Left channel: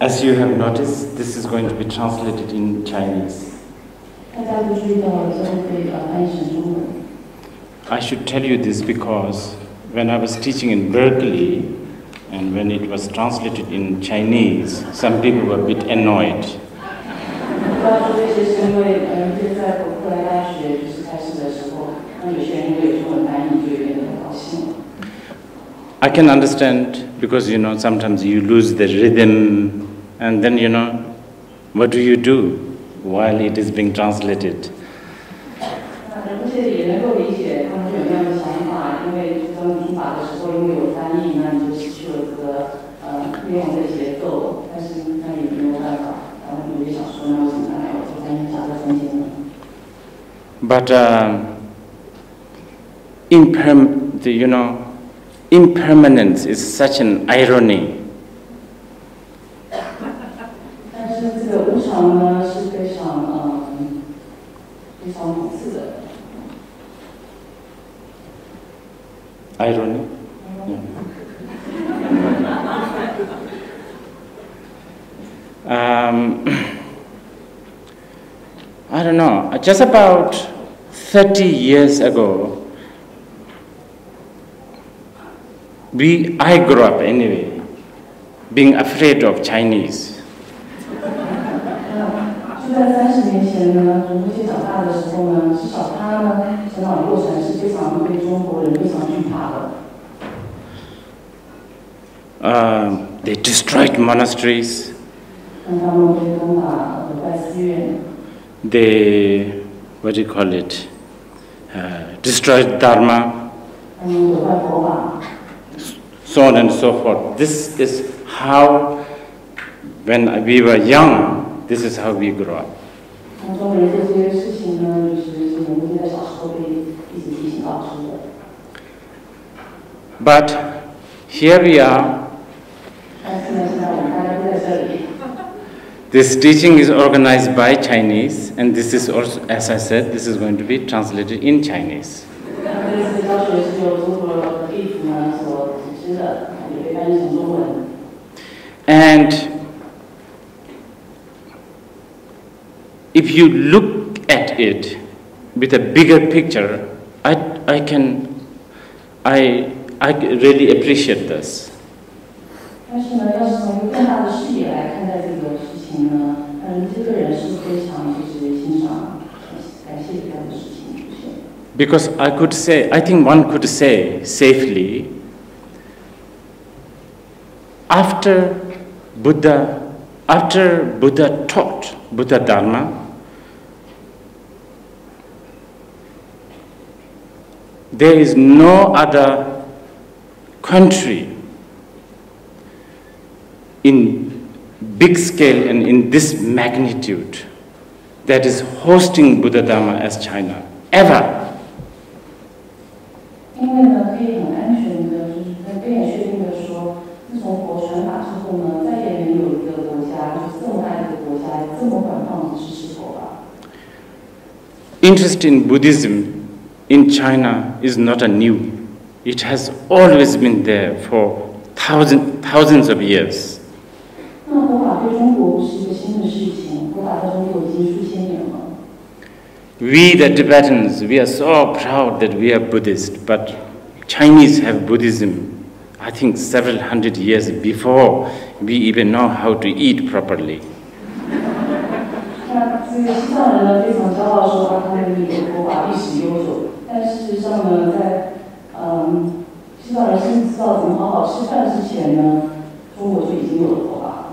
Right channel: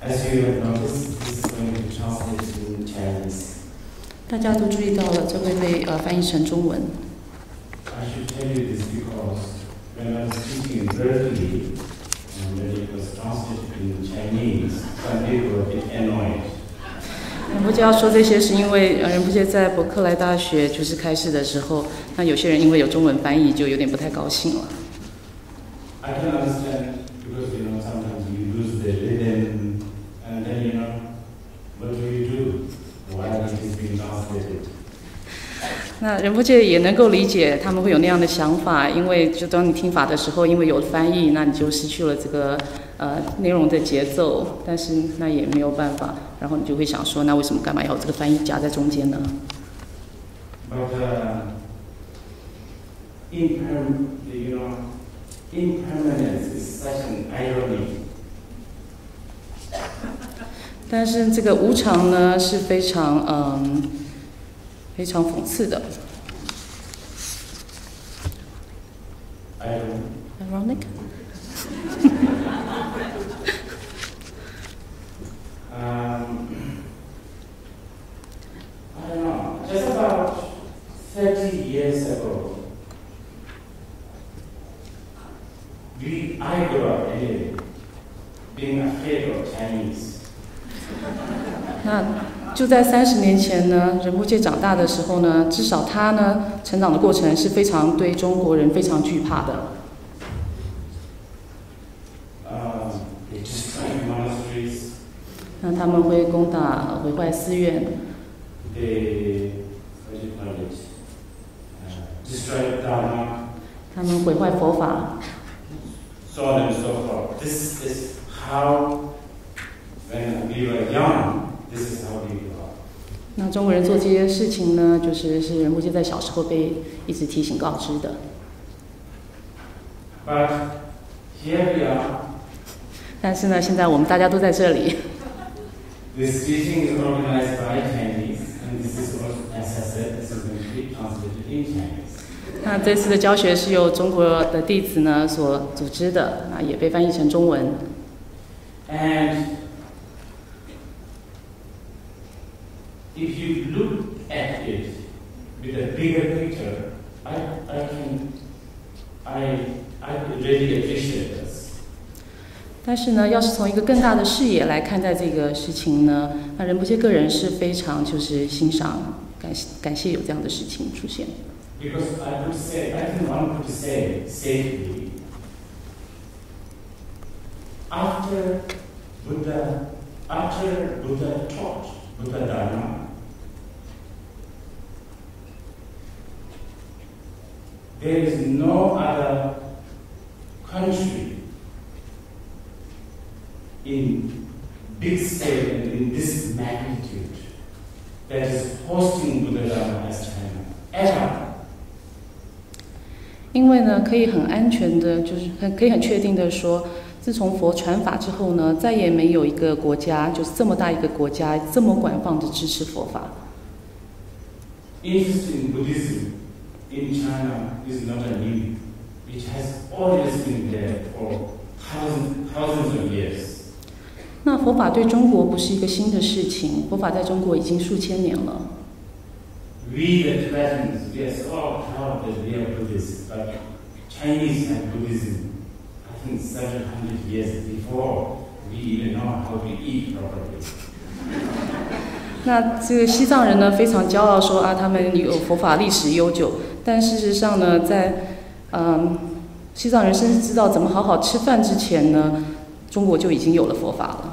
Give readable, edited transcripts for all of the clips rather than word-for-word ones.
As you have noticed, this is going to be translated in Chinese. 大家都注意到了，这会被翻译成中文。I should tell you this because when I was teaching in Berkeley, and when it was translated in Chinese, some people were a bit annoyed. 我就要说这些，是因为仁波切在伯克莱大学就是开示的时候，那有些人因为有中文翻译，就有点不太高兴了。I can understand because sometimes you lose the rhythm, and then what do you do while it is being translated? 那仁波切也能够理解他们会有那样的想法，因为就当你听法的时候，因为有翻译，那你就失去了这个内容的节奏，但是那也没有办法，然后你就会想说，那为什么干嘛要这个翻译夹在中间呢 ？But impermanence is such an irony. 但是这个无常呢，是非常非常讽刺的。Irony. I don't know. Just about 30 years ago, I grew up anyway, being afraid of Chinese. 就在30年前呢，仁波切长大的时候呢，至少他呢成长的过程是非常对中国人非常惧怕的。They destroyed monasteries. 那他们会攻打毁坏寺院。They destroyed Dharma. 他们毁坏佛法。So on and so forth. This is how, when we were young, this is how we grew up. 那中国人做这些事情呢，是仁波切在小时候被一直提醒告知的。But here we are. 但是呢，现在我们大家都在这里。This teaching is organized by Chinese, and this is also, as I said, this is going to be translated in Chinese. 那这次的教学是由中国的弟子呢所组织的，也被翻译成中文。And if you look at it with a bigger picture, I really appreciate this. 但是呢，要是从一个更大的视野来看待这个事情呢，那仁波切个人是非常欣赏、感谢有这样的事情出现。Because I think one could say safely, after Buddha taught Buddha Dharma, there is no other country in big scale and in this magnitude that is hosting Buddha Dharma as China, ever. 因为呢，可以很安全的，可以很确定的说，自从佛传法之后呢，再也没有一个国家，这么大一个国家，这么广泛的支持佛法。Interest in Buddhism in China is not a new. It has always been there for thousands of years. 那佛法对中国不是一个新的事情，佛法在中国已经数千年了。We the Tibetans, we are so proud that we are Buddhist, but Chinese have Buddhism, I think several hundred years before we even know how to eat properly. 那这个西藏人呢，非常骄傲说他们有佛法历史悠久，但事实上呢，在西藏人甚至知道怎么好好吃饭之前呢，中国就已经有了佛法了。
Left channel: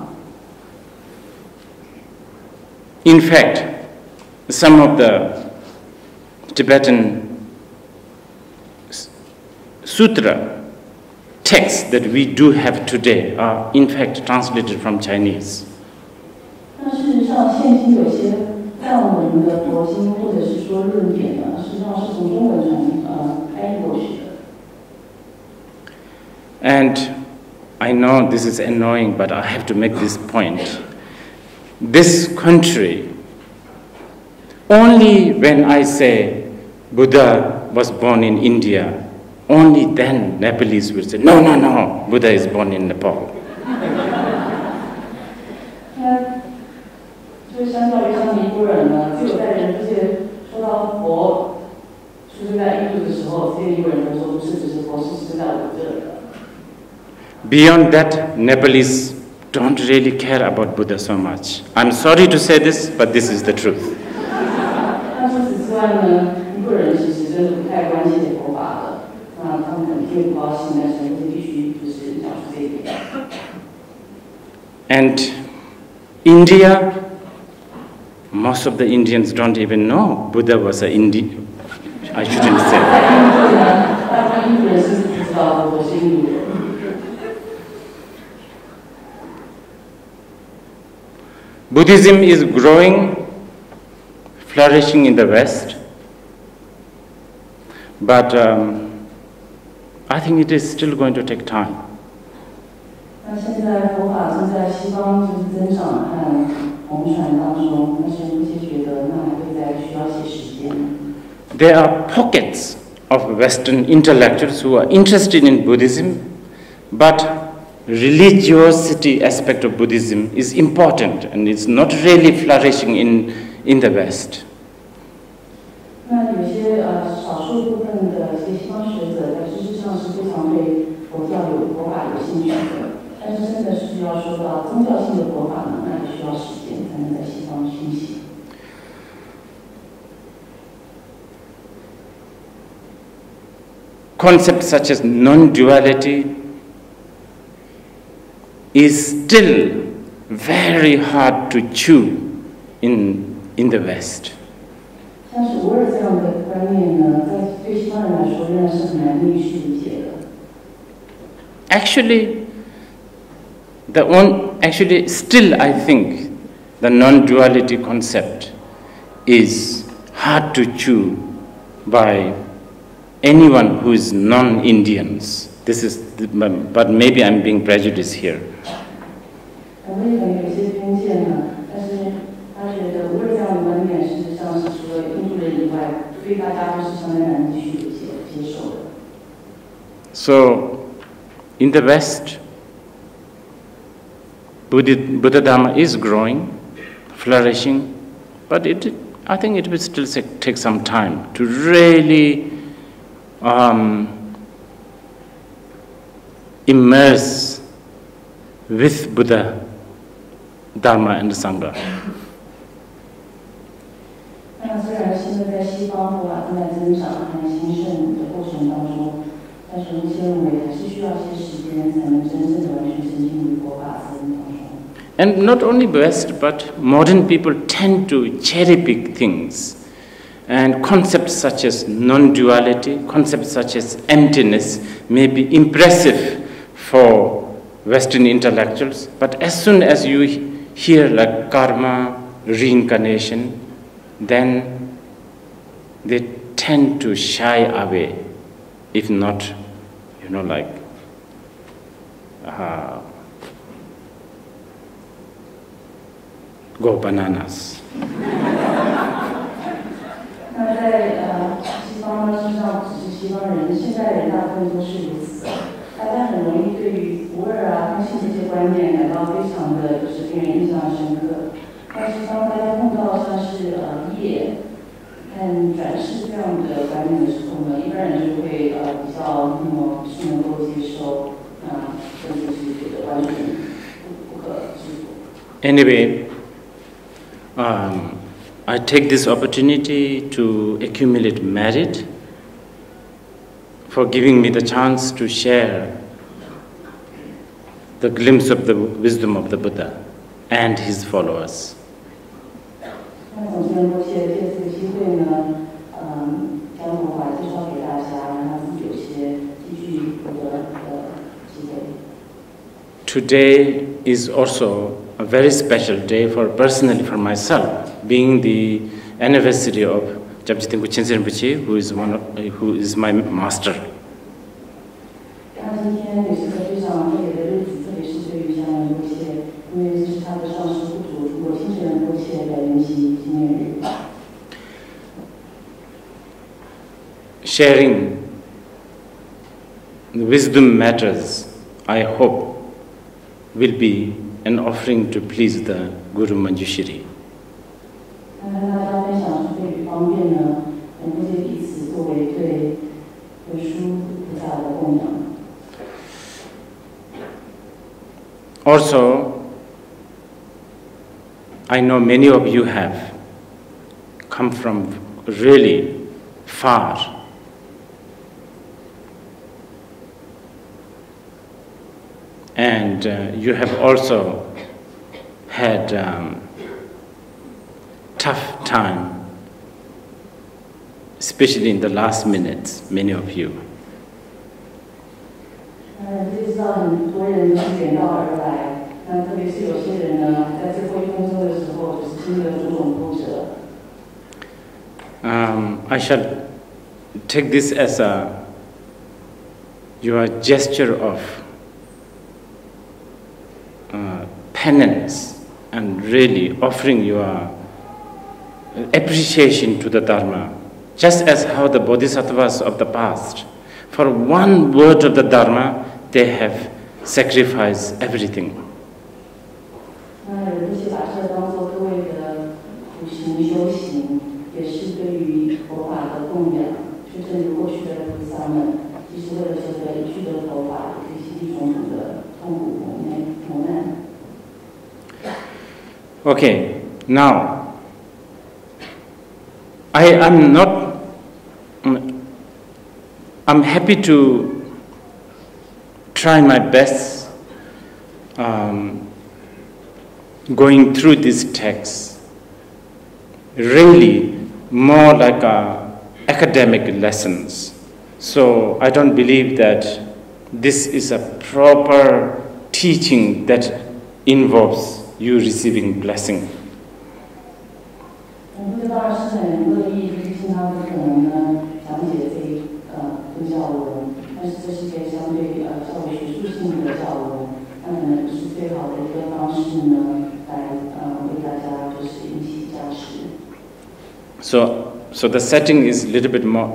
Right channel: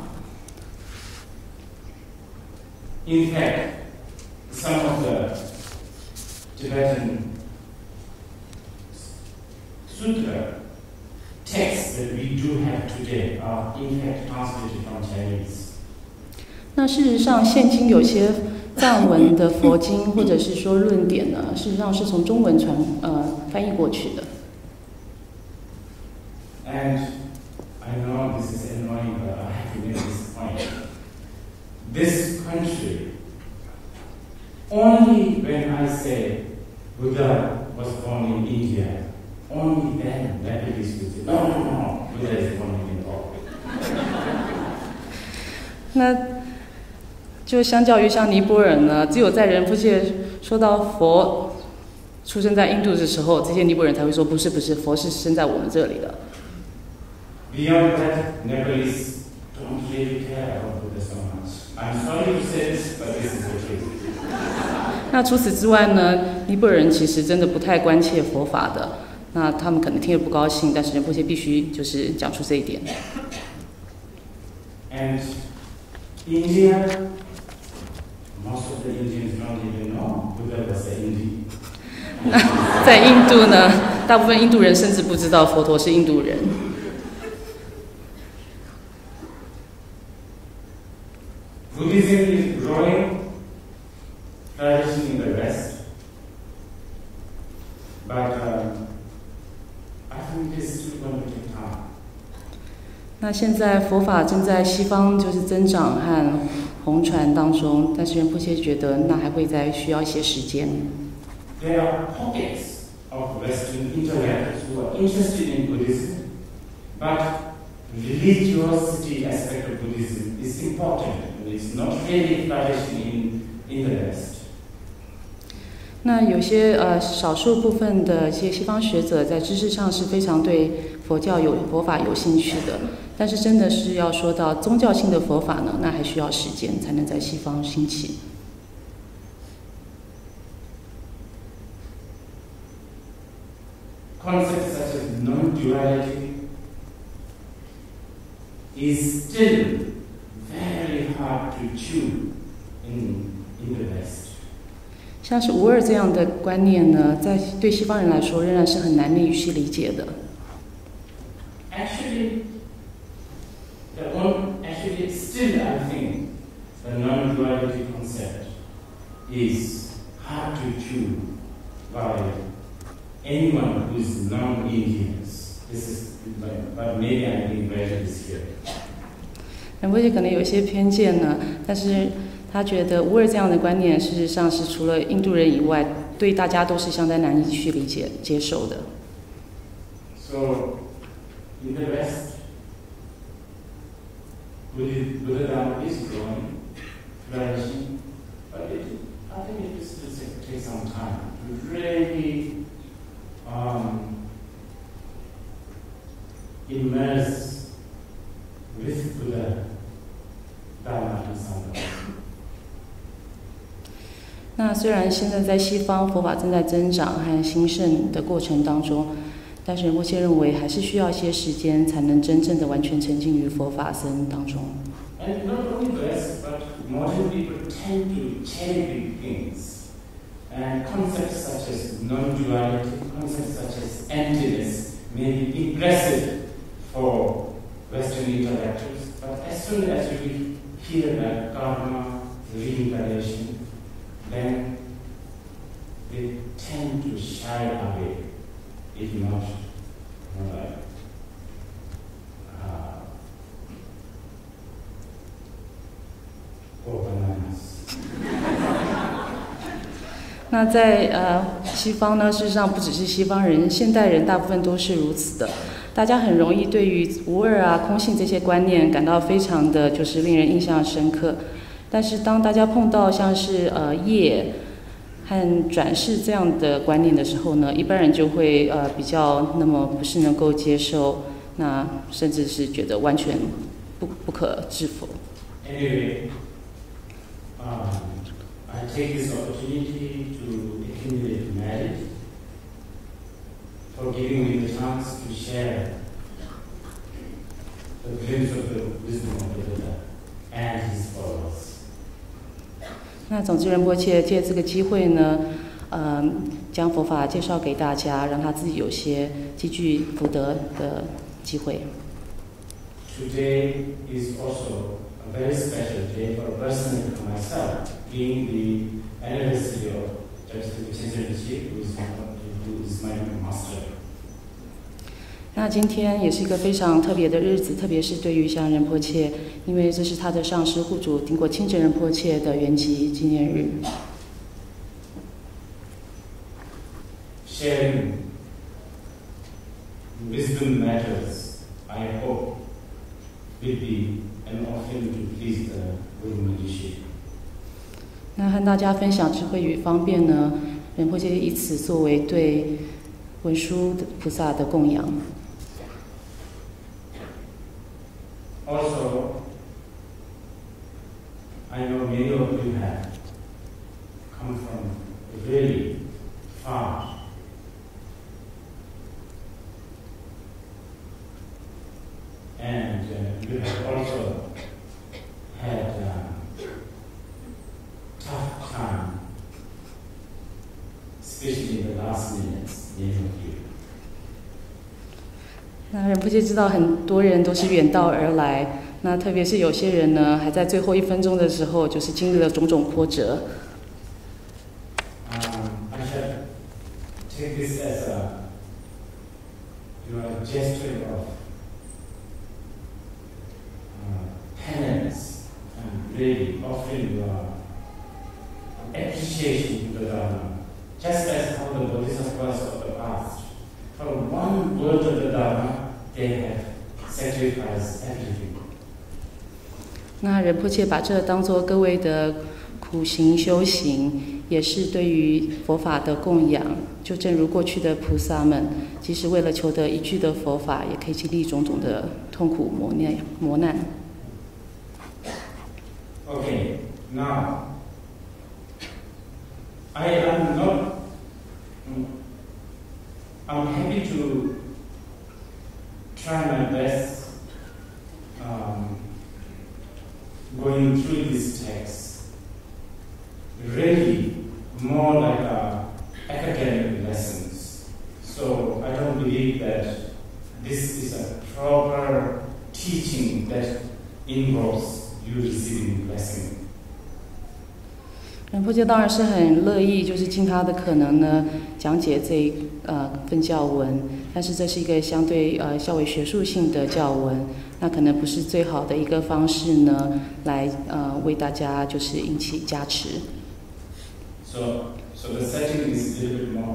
In fact, some of the Tibetan sutra texts that we do have today are in fact translated from Chinese. 那事实上，现今有些藏文的佛经或者是说论点呢，事实上是从中文翻译过去的。And I know this is annoying, but I have to make this point. This country, only when I say Buddha was born in India, only then Nepalese will say, no, Buddha is born in Nepal. 那就相较于像尼泊尔呢，只有在仁波切说到佛出生在印度的时候，这些尼泊尔人才会说不是，佛是生在我们这里的。Beyond that, Nepalese don't really care about Buddha so much. I'm sorry to say this, but this is the truth. 那除此之外呢，尼泊尔人其实真的不太关切佛法的。那他们可能听了不高兴，但是仁波切必须就是讲出这一点。And India, most of the Indians don't even know Buddha was an Indian. I shouldn't say. 在印度呢，大部分印度人甚至不知道佛陀是印度人。Buddhism is growing, flourishing in the West, but I think it is still going to take time. 那现在佛法正在西方就是增长和红传当中，但是仁波切觉得那还会再需要一些时间。There are pockets of Western intellectuals who are interested in Buddhism, but religiosity aspect of Buddhism is important and it's not really flourishing in the West. 那有些少数部分的一些西方学者在知识上是非常对佛法有兴趣的，但是真的是要说到宗教性的佛法呢，那还需要时间才能在西方兴起。Concepts such as non-duality is still very hard to chew in the West. 像是无二这样的观念呢，在对西方人来说仍然是很难以去理解的。Actually, still I think the non-duality concept is hard to chew by anyone who is non-Indians. But maybe I'm being prejudiced here. 仁波切可能有一些偏见呢，但是他觉得无二这样的观念，事实上是除了印度人以外，对大家都是相当难以去理解、接受的。So, in the West, Buddha Dharma is growing, flourishing, but I think it will still take some time to really immerse with Buddha, Dharma and Sangha. 那虽然现在在西方佛法正在增长和兴盛的过程当中，但是仁波切认为还是需要一些时间才能真正的完全沉浸于佛法僧当中。And not only West, but modern people tend to cherry pick things. And concepts such as non-duality, concepts such as emptiness may be impressive for Western intellectuals, but as soon as you hear like karma, reincarnation, then they tend to shy away, if not, like go bananas. 那在西方呢，事实上不只是西方人，现代人大部分都是如此的。大家很容易对于无二啊、空性这些观念感到非常的就是令人印象深刻。但是当大家碰到像是业和转世这样的观念的时候呢，一般人就會比較那麼不是能夠接受，那甚至是覺得完全不可置否。Anyway, I take this opportunity to accumulate merit for giving me the chance to share the glimpse of the wisdom of the Buddha and his followers. 那总之仁波切借这个机会呢，将佛法介绍给大家，让他自己有些积聚福德的机会。Today is also a very special day personally for myself, being the anniversary of Jabjiten Kuchense Rinpoche, who is my master. 那今天也是一个非常特别的日子，特别是对于像仁波切，因为这是他的上师护主顶果清真仁波切的圆寂纪念日。Sharing the wisdom matters, I hope, will be an offering to please the Guru Manjushri. 那和大家分享智慧与方便呢，仁波切以此作为对文殊菩萨的供养。Also, I know many of you have come from really far. And you have also had tough time, especially in the last minutes, many of you. 那仁波切知道很多人都是远道而来，那特别是有些人呢，还在最后1分钟的时候，就是经历了种种波折。I shall take this as your gesture of penance and really offering your appreciation to the Dharma, just as how the Bodhisattvas of the past, for one word of the Dharma, they have sacrificed everything. 那仁波切把这当作各位的苦行修行，也是对于佛法的供养。就正如过去的菩萨们，即使为了求得一句的佛法，也可以经历种种的痛苦磨难。Okay, now I'm happy to try my best going through these texts, really more like academic lessons. So I don't believe that this is a proper teaching that involves you receiving blessing. 仁波切当然是很乐意，就是尽他的可能呢，讲解这份教文。但是这是一个相对较为学术性的教文，那可能不是最好的一个方式呢，来为大家就是引起加持。So the setting is a little bit more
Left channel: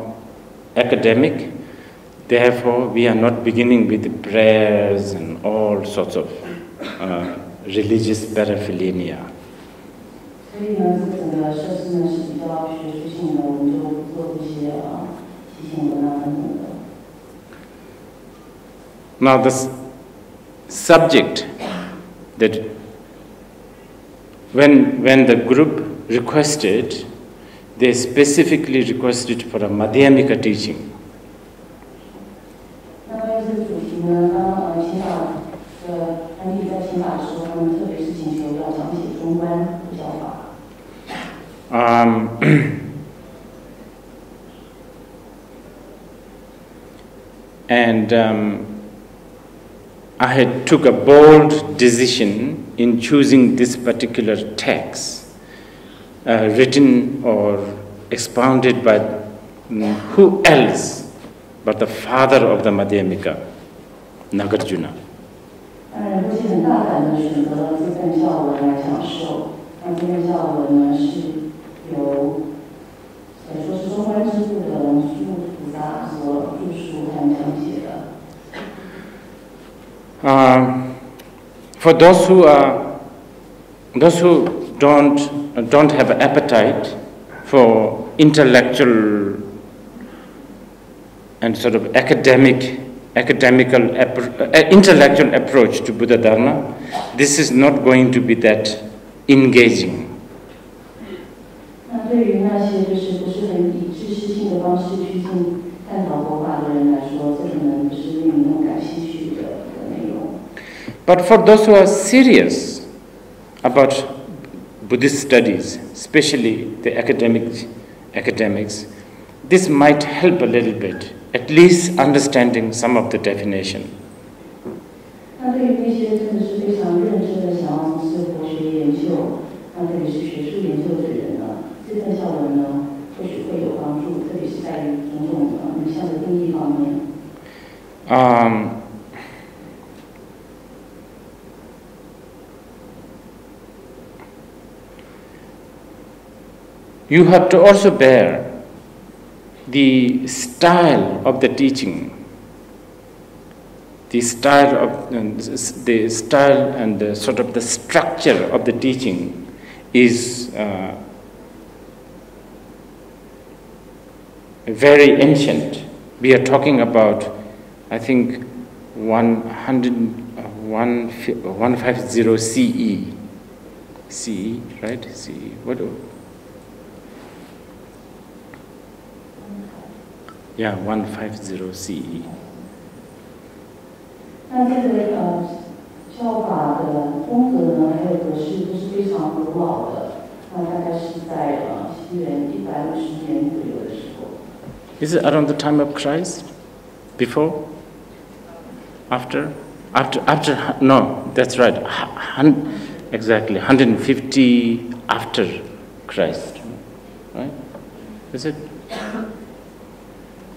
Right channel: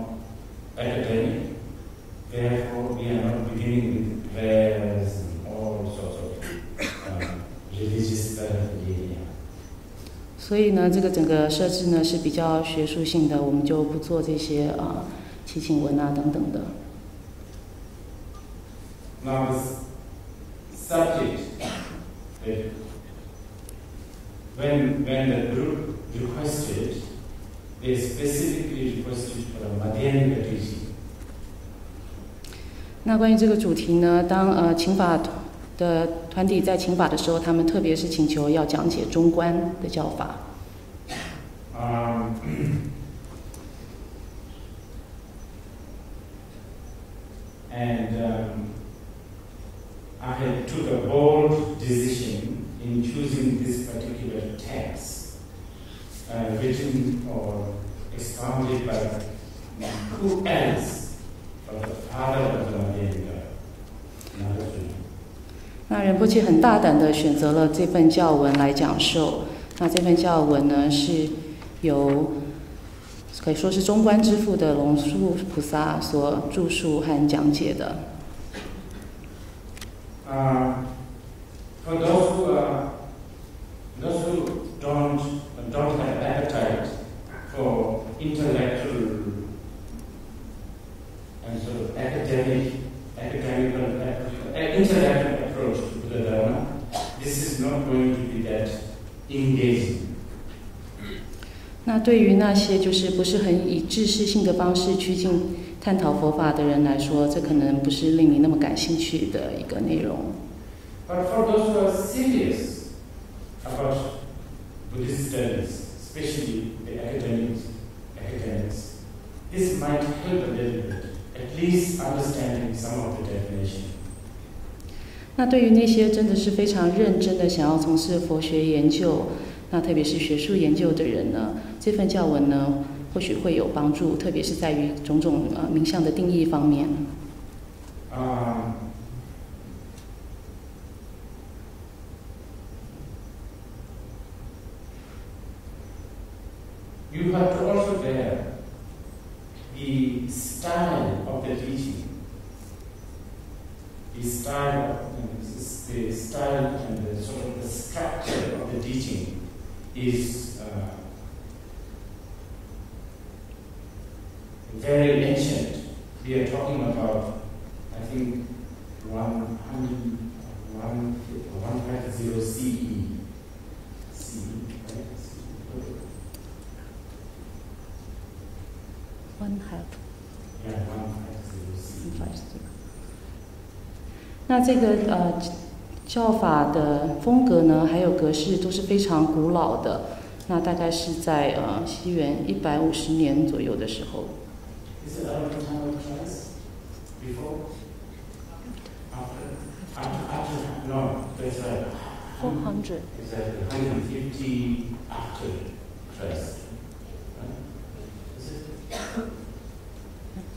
academic. Therefore, we are not beginning with prayers and all sorts of religious paraphernalia. 所以呢，这个整个设置呢是比较学术性的，我们就不做这些祈请文啊等等的。Now the subject that when the group requested, they specifically requested for a Madhyamika teaching. 那关于这个主题呢，当请法的团体在请法的时候，他们特别是请求要讲解中观的教法。I had took a bold decision in choosing this particular text, written or expounded by who else but the father of the Madhyamika, Nagarjuna. 那仁波切很大胆地选择了这份教文来讲授。那这份教文呢，是由可以说是中观之父的龙树菩萨所著述和讲解的。For those who don't have appetite for intellectual and sort of intellectual approach to Buddha Dharma, this is not going to be that engaging. 那对于那些就是不是很以知识性的方式趋近探讨佛法的人来说，这可能不是令你那么感興趣的一个内容。But for those who are serious about Buddhist studies, especially the academics, this might help a little bit, at least understanding some of the definition. 那对于那些真的是非常认真的想要从事佛学研究，那特别是学术研究的人呢，这份教文呢，或许会有帮助，特别是在于种种名相的定义方面。You have to also bear the style of the teaching. the style and the sort of the structure of the teaching is very ancient. We are talking about, I think, 150 CE. CE, right? CE. What? Yeah, 150 CE. 那这个教法的风格呢，还有格式都是非常古老的。那大概是在西元150年左右的时候。Is it around the time of Christ? Before? After? After? No, that's right. Exactly, 150 after Christ, right? Is it?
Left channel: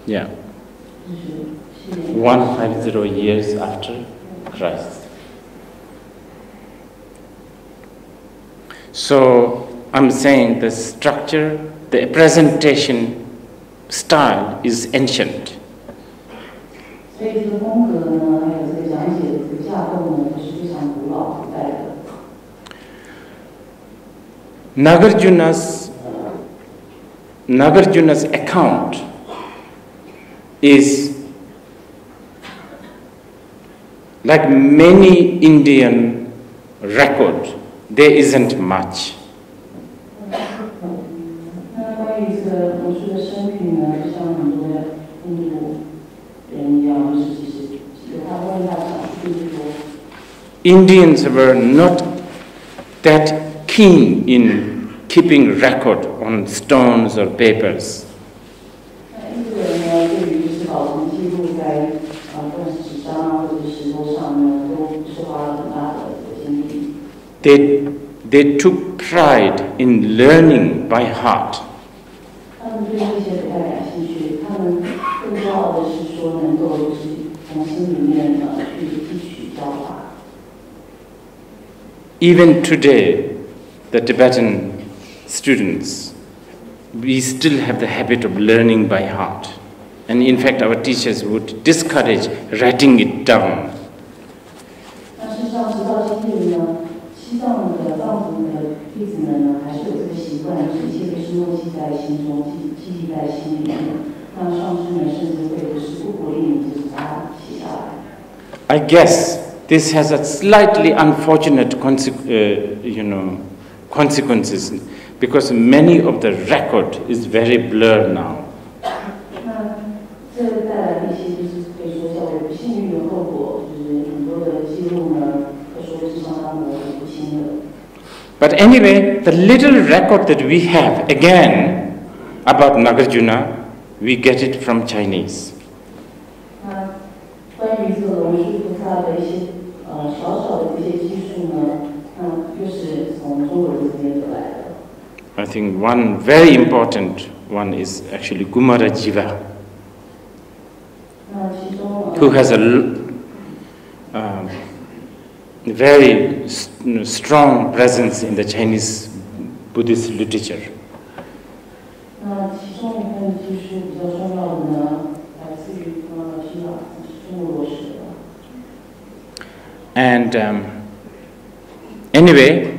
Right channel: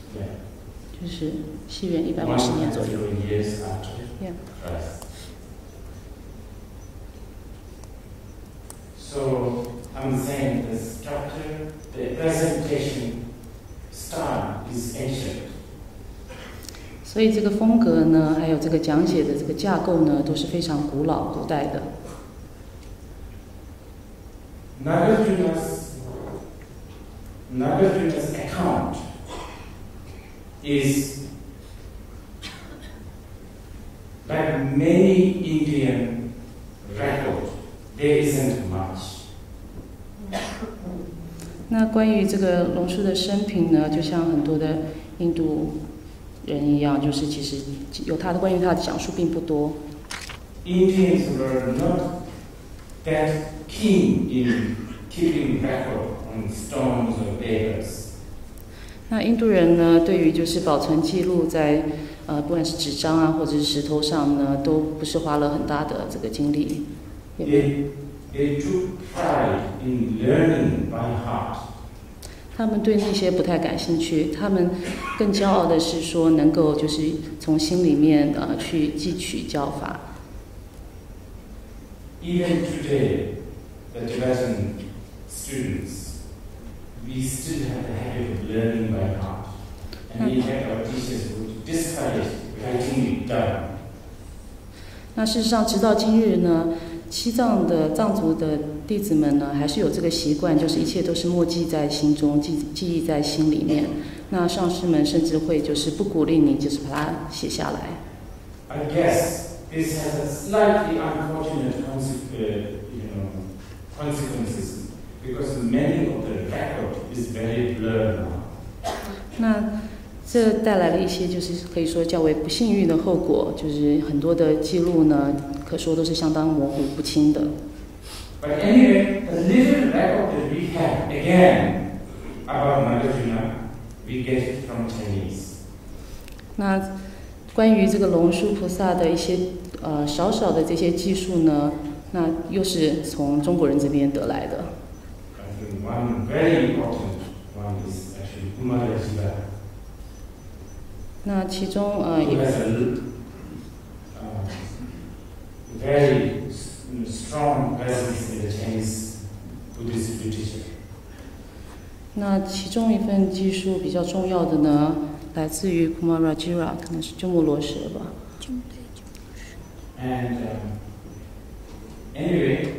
Yeah. 150 years after Christ. So I'm saying the structure, the presentation style is ancient. 所以这个风格呢，还有这个讲解的这个架构呢，都是非常古老古代的。Nagarjuna's account is like many Indian record. There isn't much. 那关于这个龙树的生平呢，就像很多的印度人一样，就是其实有他关于他的讲述并不多。Indians were not that keen in keeping record on stones or papers. 那印度人呢，对于就是保存记录在不管是纸张啊或者是石头上呢，都不是花了很大的这个精力。They took pride in learning by heart. 他们对那些不太感兴趣，他们更骄傲的是说能够就是从心里面去汲取教法。Even today, the Tibetan students, we still have the habit of learning by heart. And in fact, our teachers would discourage writing it down. 那事实上，直到今日呢，西藏的藏族的弟子们呢，还是有这个习惯，就是一切都是默记在心中，记忆在心里面。那上师们甚至会就是不鼓励你，就是把它写下来。I guess this has a slightly unfortunate consequences, because many of the record is very blurred now. 那这带来了一些就是可以说较为不幸运的后果，就是很多的记录呢，可说都是相当模糊不清的。But anyway, the little record that we have, again, about Nagarjuna, we get it from Chinese. 那关于这个龙树菩萨的一些少少的这些技术呢，那又是从中国人这边得来的。I think one very important one is actually Kumara Jiva, 那其中who has a very strong presence in the Chinese Buddhist literature. 那其中一份技术比较重要的呢，来自于 Nagarjuna， 可能是鸠摩罗什吧。And anyway,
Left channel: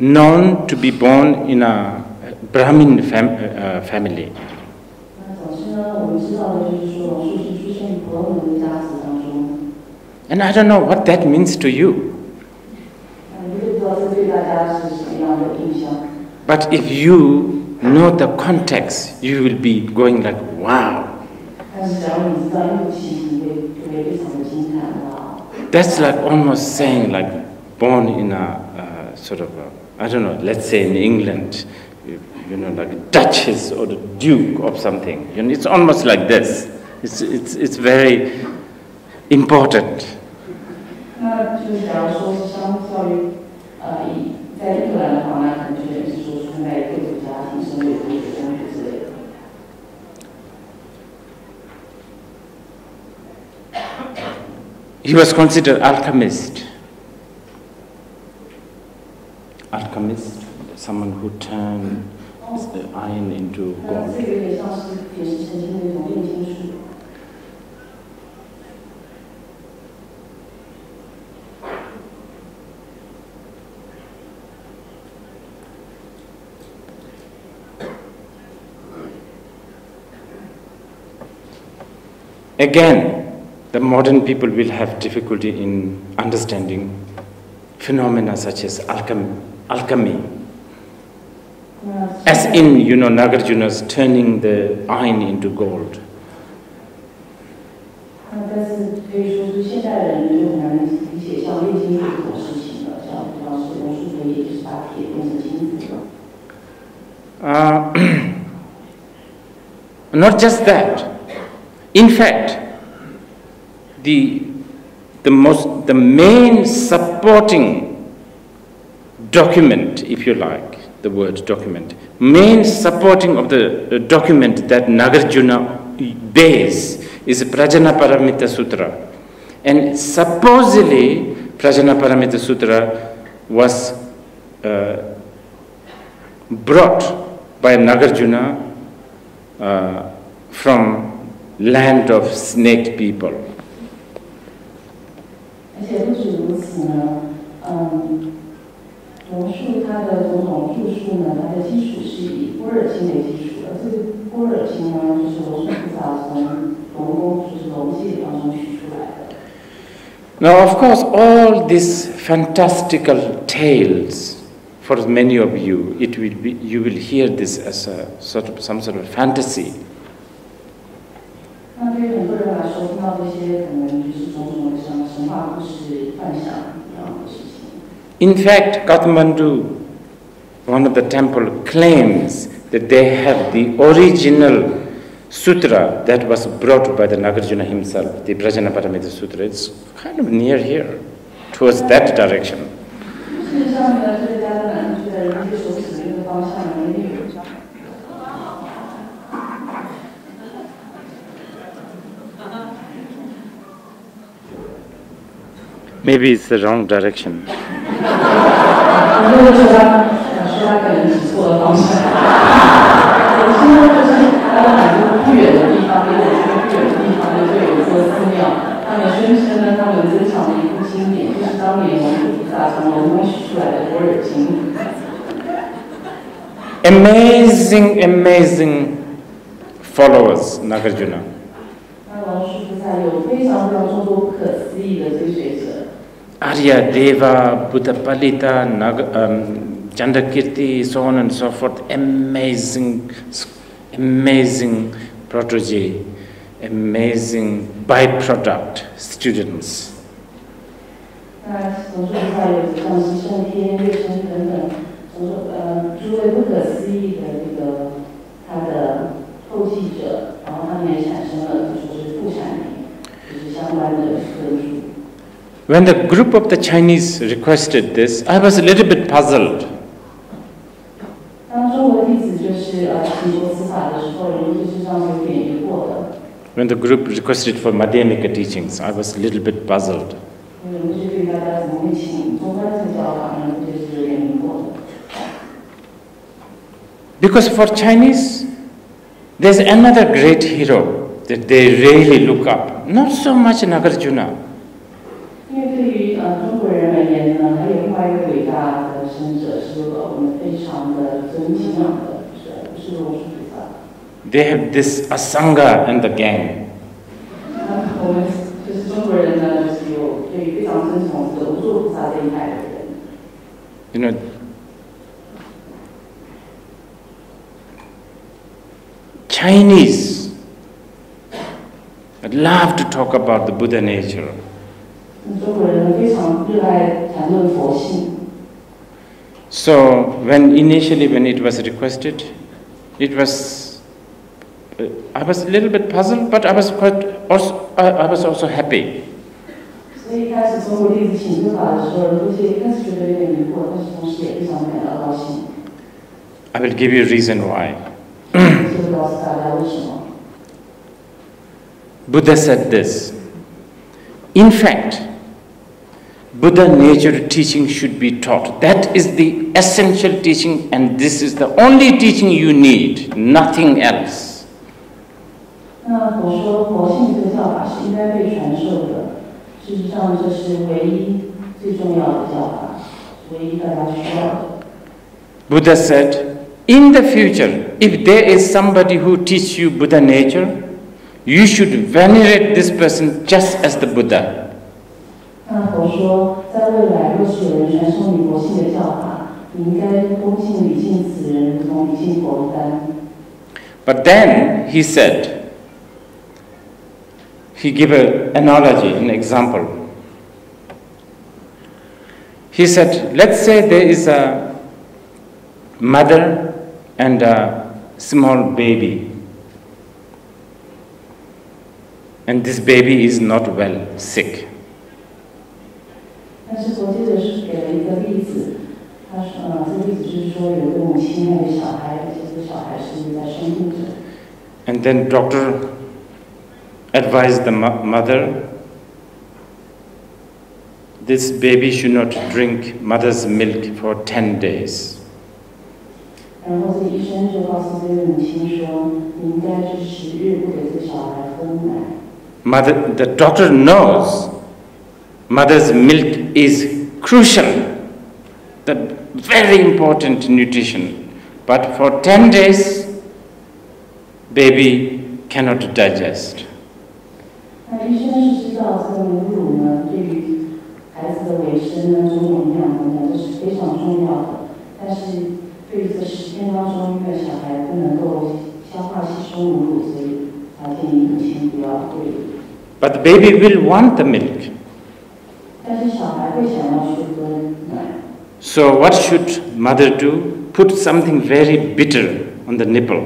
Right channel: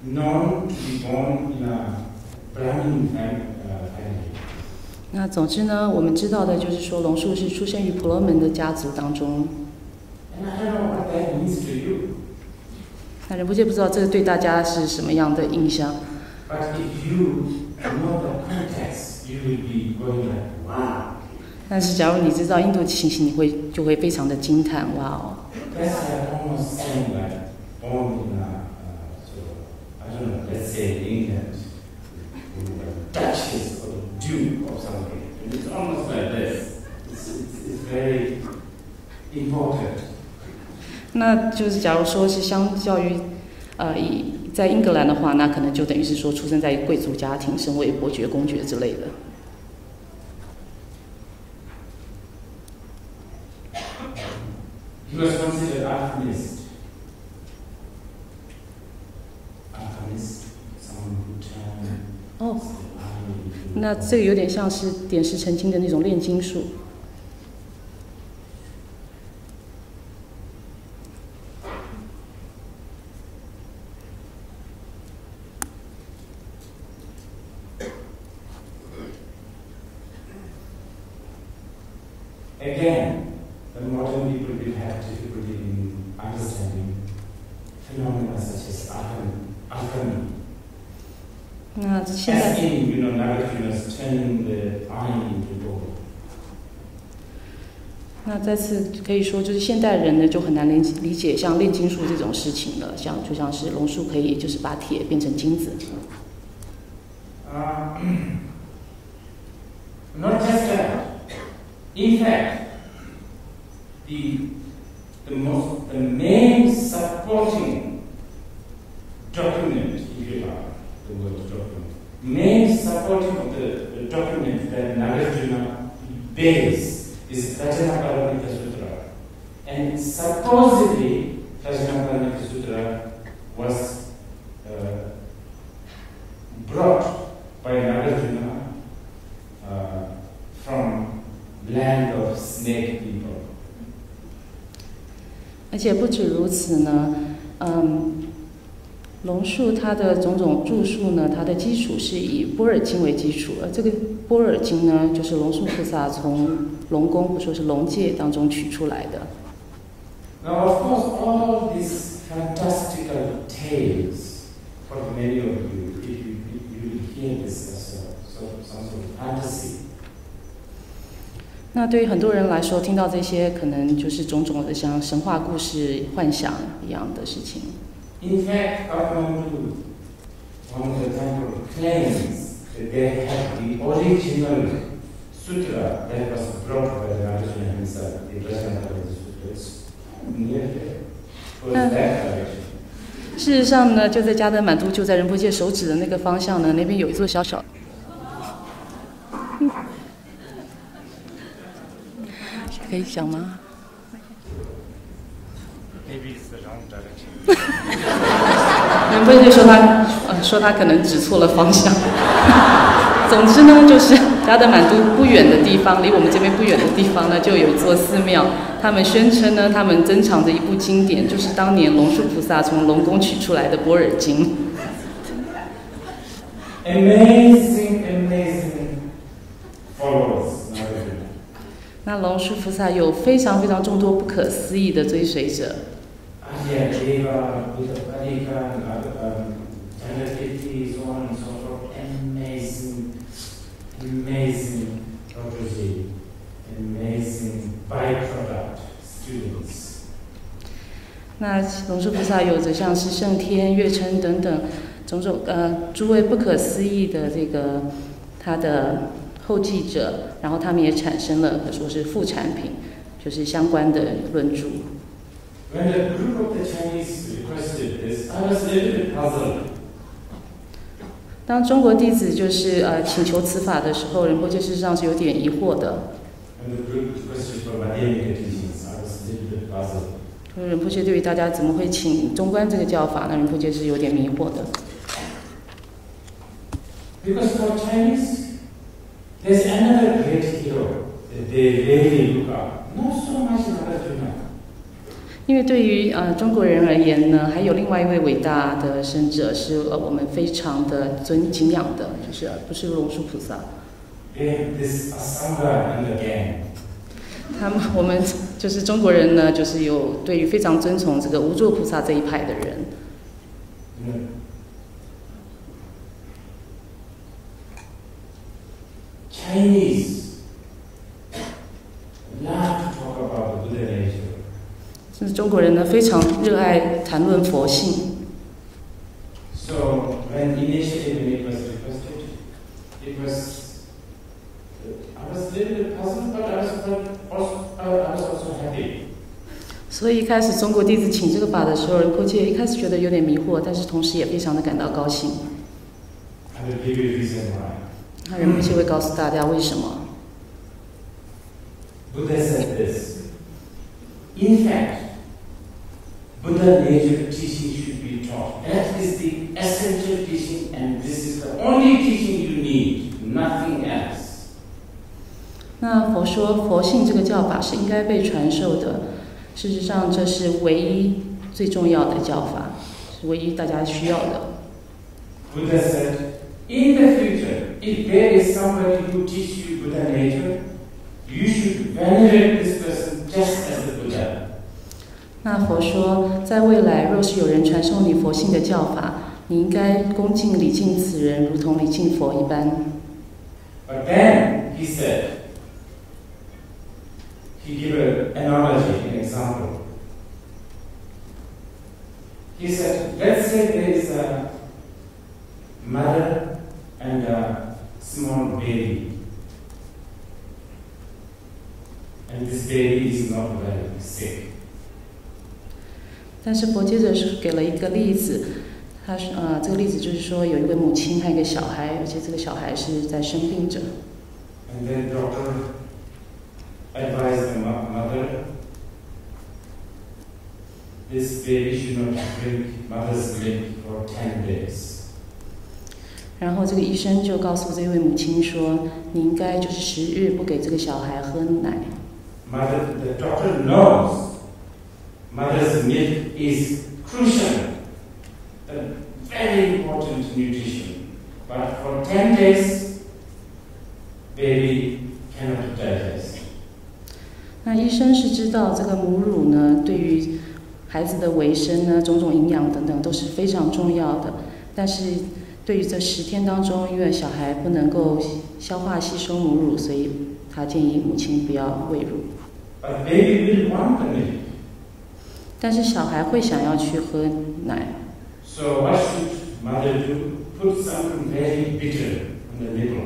known to be born in a Brahmin family. 那总之呢，我们知道的就是说，龙树是出生于婆罗门的家族当中。And I don't know what that means to you. 那仁波切不知道这个对大家是什么样的印象。But if you know the context, you will be going like, wow. 但是假如你知道印度情形，你就会非常的惊叹，哇！ That's like almost saying like born in a sort of I don't know, let's say in England, like a duchess or the duke of something. It's almost like this. It's very important. 那就是假如说是相较于在英格兰的话，那可能就等于是说出生在一个贵族家庭，身为伯爵、公爵之类的。He was considered alchemist. Alchemist, someone who turned the iron into. 那这个有点像是点石成金的那种炼金术。again, the modern people will have difficulty in understanding phenomena such as alchemy. As in, Nagarjuna's turning the iron into gold. 那再次可以说，就是现代人呢就很难理解像炼金术这种事情了，就像是龙树可以就是把铁变成金子。Not just that. In fact, the main supporting document, if you like, the word document, main supporting of the document that Nagarjuna bears is Prajanaparamita Sutra. And supposedly, Prajanaparamita Sutra was brought by Nagarjuna from land of snake people. 而且不止如此呢，龙树他的种种著述呢，它的基础是以般若经为基础，而这个般若经呢，就是龙树菩萨从龙宫或说是龙界当中取出来的。Now, of course, all these fantastical tales, for many of you, you will hear this as some sort of fantasy. 那对于很多人来说，听到这些可能就是种种的像神话故事、幻想一样的事情。In fact, Kathmandu, one of the temple, claims that they have the original sutra that was brought by the Nagarjuna himself, the Prajanaparamita Sutra. It's kind of near here, towards that direction. 事实上呢，就在加德满都，就在仁波切手指的那个方向呢，那边有一座小小。可以想吗 ？Maybe it's the wrong direction. 对，就说他可能指错了方向。总之呢，就是加德满都不远的地方，离我们这边不远的地方呢，就有一座寺庙。他们宣称呢，他们珍藏着一部经典，就是当年龙树菩萨从龙宫取出来的《般若经》。Amazing followers, Nagarjuna. 那龙树菩萨有非常众多不可思議的追隨者。Arya Deva, Buddha Palita, Chandrakirti, so on and so forth. Amazing protege, amazing byproduct students. 那龙树菩萨有着像是圣天、月称等等种种诸位不可思議的这个他的后继者，然后他们也产生了说是副产品，就是相关的论著。When the group of the Chinese requested this, I was a little bit puzzled. 当中国弟子就是请求此法的时候，仁波切事实上是有点疑惑的。When the group requested for Madhyamika teachings, I was a little bit puzzled. 仁波切对于大家怎么会请中观这个教法呢？仁波切是有点迷惑的。Because for Chinese, there's another great hero that they really look up. Not so much Nagarjuna. 因为对于中国人而言呢，还有另外一位伟大的圣者是我们非常的敬仰的，就是不是龙树菩萨。They have this Asanga and the gang. 我们就是中国人呢，就是有对于非常尊崇这个无作菩萨这一派的人。You know, Chinese love to talk about the Buddha nature. 中国人呢非常热爱谈论佛性。So initially when it was requested, it was I was a little bit puzzled, but I was also happy. 所以一开始中国弟子请这个法的时候，仁波切一开始觉得有点迷惑，但是同时也非常的感到高兴。I will give you a reason why. 就会告诉大家为什么。Buddha said this. In fact, Buddha nature teaching should be taught. That is the essential teaching, and this is the only teaching you need, nothing else. 那佛说佛性这个教法是应该被传授的，事实上这是唯一最重要的教法，是唯一大家需要的。Buddha said, in the future, if there is somebody who teaches you Buddha nature, you should venerate this person just as the Buddha. 那佛说，在未来若是有人传授你佛性的教法，你应该恭敬礼敬此人，如同礼敬佛一般。But then he said, he gave an analogy, an example. He said, let's say there is a mother and a small baby, and this baby is not well, sick. 但是佛接着是给了一个例子，他说，这个例子就是说有一个母亲和一个小孩，而且这个小孩是在生病着。And then doctor advised the mother, this baby should not drink mother's milk for 10 days. 然后这个医生就告诉这位母亲说，你应该就是10日不给这个小孩喝奶。The doctor knows mother's milk is crucial, the very important nutrition. But for 10 days, baby cannot digest. 那医生是知道这个母乳呢，对于孩子的维生呢，种种营养等等都是非常重要的。但是对于这10天当中，因为小孩不能够消化吸收母乳，所以他建议母亲不要喂乳。But the baby will want the milk. 但是小孩会想要去喝奶。So what should mother do? Put something very bitter on the nipple.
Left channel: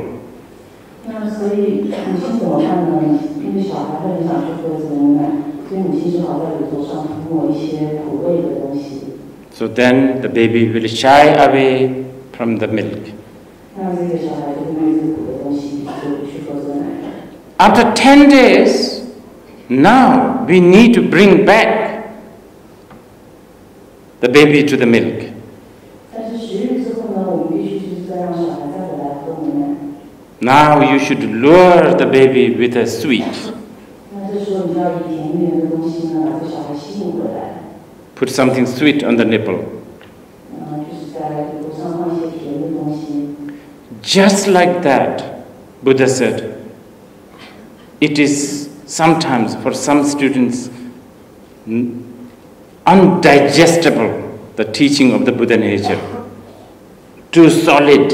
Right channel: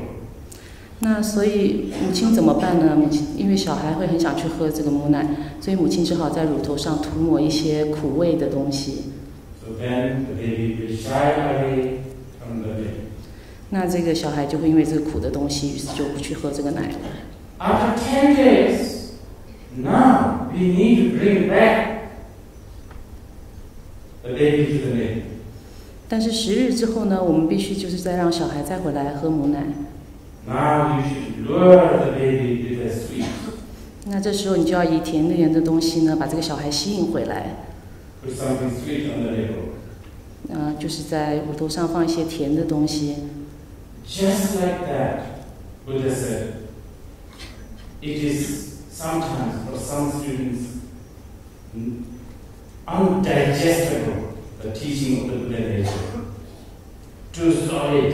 那所以母亲怎么办呢？因为小孩会很想去喝这个母奶，所以母亲只好在乳头上涂抹一些苦味的东西。So then the baby will shy away from the milk. 那这个小孩就会因为这个苦的东西，于是就不去喝这个奶。After 10 days, now we need to bring back the baby to the milk. 但是10日之后呢，我们必须就是再让小孩再回来喝母奶。Now you should lure the baby with a sweet. 那这时候你就要以甜甜的东西呢，把这个小孩吸引回来。Put something sweet on the nipple. 就是在乳头上放一些甜的东西。Just like that, Buddha said, it is sometimes for some students undigestible, the teaching of the Buddha nature, too solid.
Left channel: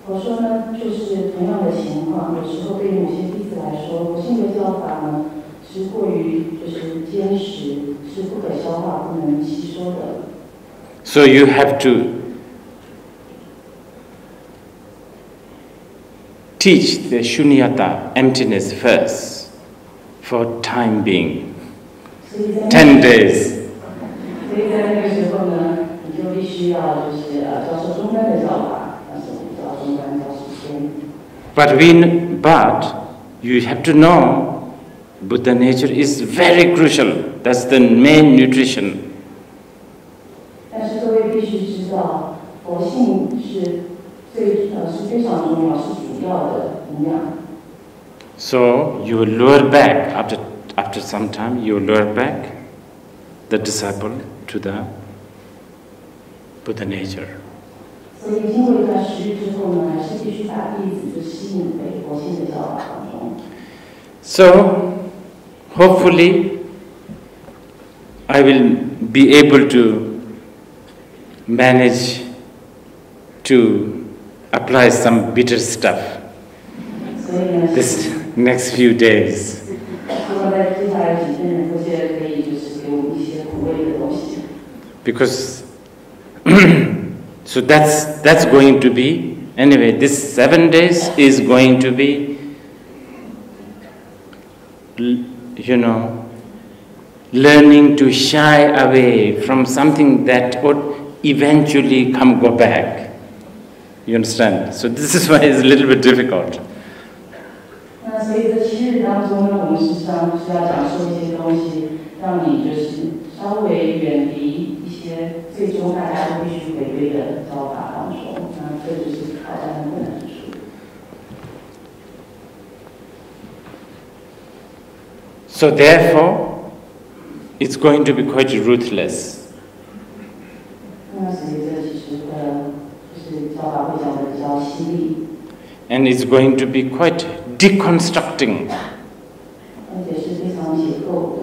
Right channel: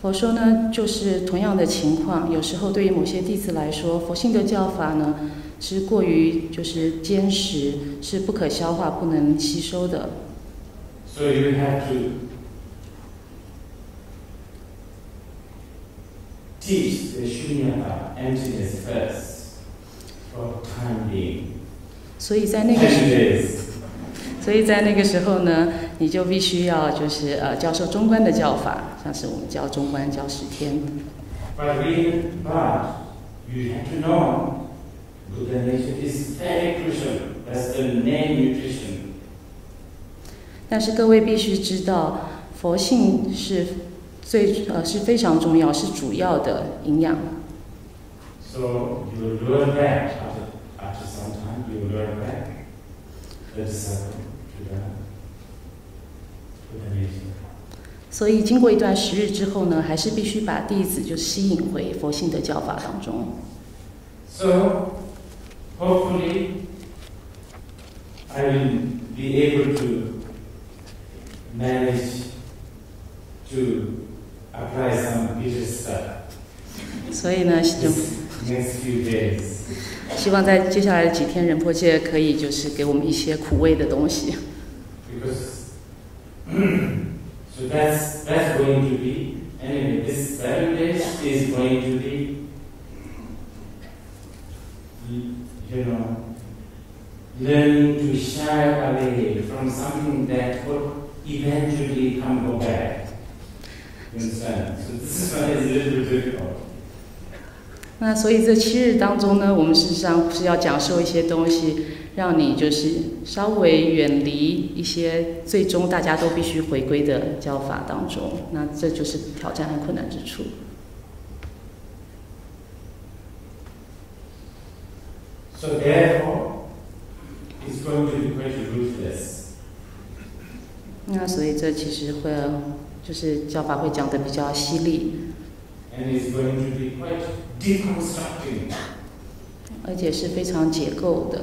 佛说呢，就是同样的情况，有时候对于某些弟子来说，佛性的教法呢是过于就是坚实，是不可消化、不能吸收的。So you have to teach the shunyata, emptiness first, for time being. 所以在10 days. 所以在那个时候呢，你就必须要就是教授中观的教法，像是我们教中观教10天。But you have to know, Buddha nature is very crucial. That's the main nutrition. 但是各位必须知道，佛性是非常重要，是主要的营养。So you will lure back after some time. You will lure back the disciple to the Buddha nature. 所以经过一段10日之后呢，还是必须把弟子就吸引回佛性的教法当中。So hopefully I will be able to manage to apply some bitter stuff 所以呢 this next few days. 希望在接下来几天，仁波切可以就是给我们一些苦味的东西。Because so that's going to be, anyway, this 7 days is going to be, learning to shy away from something that would eventually go back. You understand? So this is why it's a little bit difficult. 那所以这7日当中呢，我们实际上是要讲授一些东西，让你就是稍微远离一些最终大家都必须回归的教法当中。那这就是挑战和困难之处。So therefore, it's going to be quite ruthless. 那所以这其实会就是教法会讲得比较犀利。and it's going to be quite deconstructing. 而且是非常解构的。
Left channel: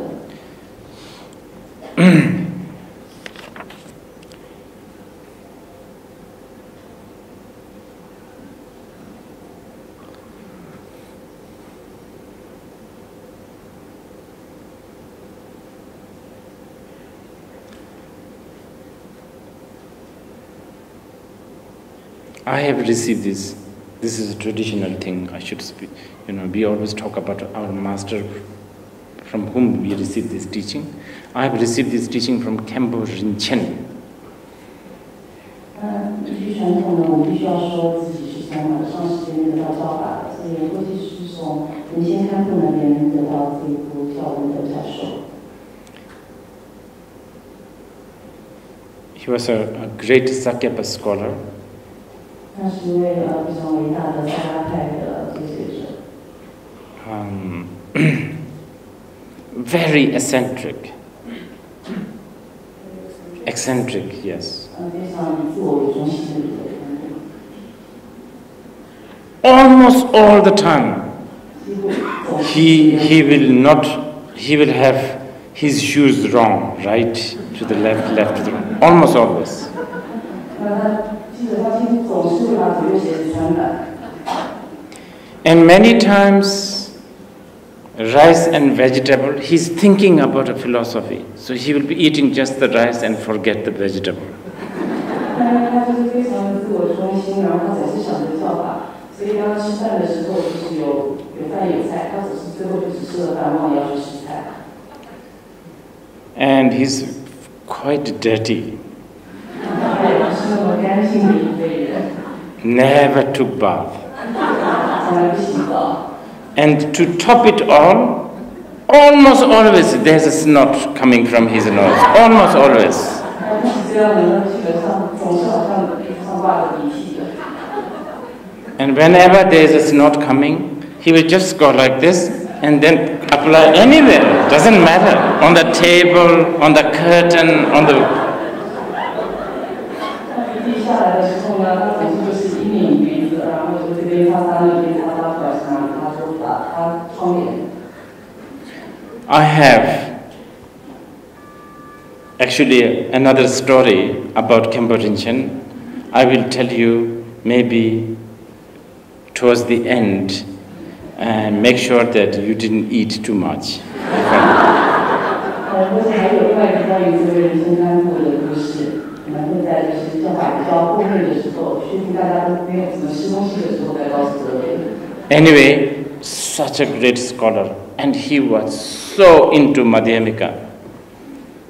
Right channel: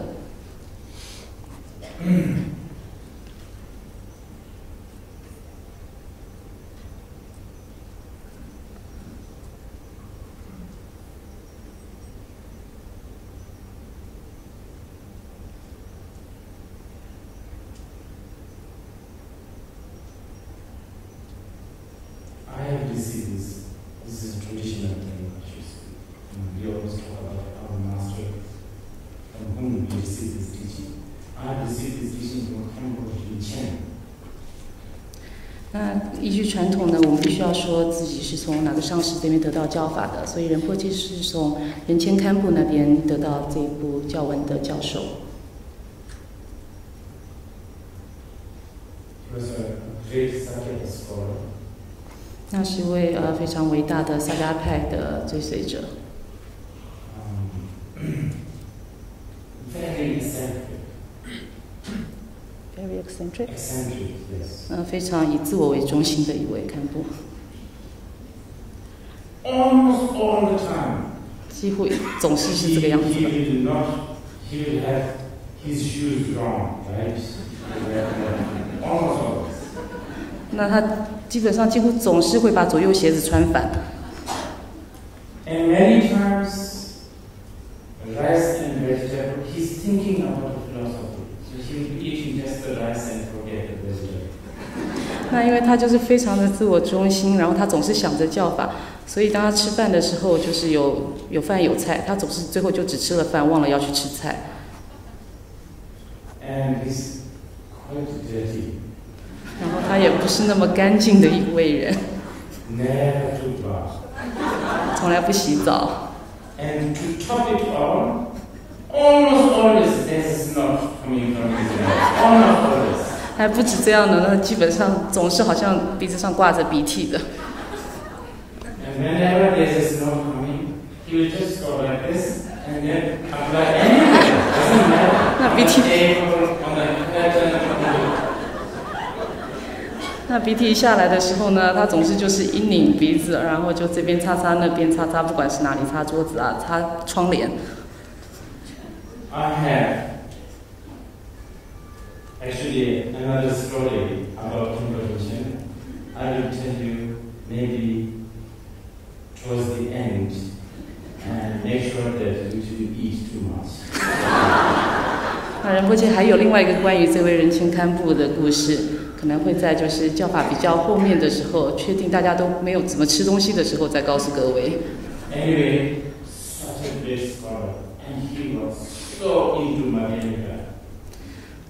I have received this. This is a traditional thing. I should speak. We always talk about our master from whom we receive this teaching. I have received this teaching from Rinpoche. 依据传统呢，我们必须要说自己是从哪个上师这边得到教法的，所以仁波切是从仁谦堪布那边得到这一部教文的教授。He was a great Sakyapa scholar. 那是一位非常伟大的萨迦派的追随者。Very eccentric. Very eccentric. Eccentric, yes. 非常以自我为中心的一位堪布。Almost all the time. 几乎总是这样。He will have his shoes wrong, right to the left, left to the right. Almost always. 那他基本上几乎总是会把左右鞋子穿反。And many times, rice and vegetable, he's thinking about a philosophy. So he will be eating just the rice and forget the vegetable. 那因为他就是非常的自我中心，然后他总是想着教法，所以当他吃饭的时候，就是有饭有菜，他总是最后就只吃了饭，忘了要去吃菜。And he's quite dirty. 他也不是那么干净的一位人。Never took bath. 从来不洗澡。And to top it all, almost always there's a snot coming from his nose. Almost always. 还不止这样呢，基本上总是好像鼻子上挂着鼻涕的。And whenever there's a snot coming, he will just go like this and then apply anywhere. Doesn't matter. On the table, on the curtain, on the. 那鼻涕下来的时候呢，他总是就是一拧鼻子，然后就这边擦擦，那边擦擦，不管是哪里擦桌子啊，擦窗帘。I have actually another story about Rinpoche. I will tell you maybe towards the end, and make sure that you didn't eat too much. 仁波切还有另外一个关于这位仁谦堪布的故事。可能会在就是教法比较后面的时候，确定大家都没有怎么吃东西的时候，再告诉各位。Anyway, such a great scholar, and he was so into Madhyamika.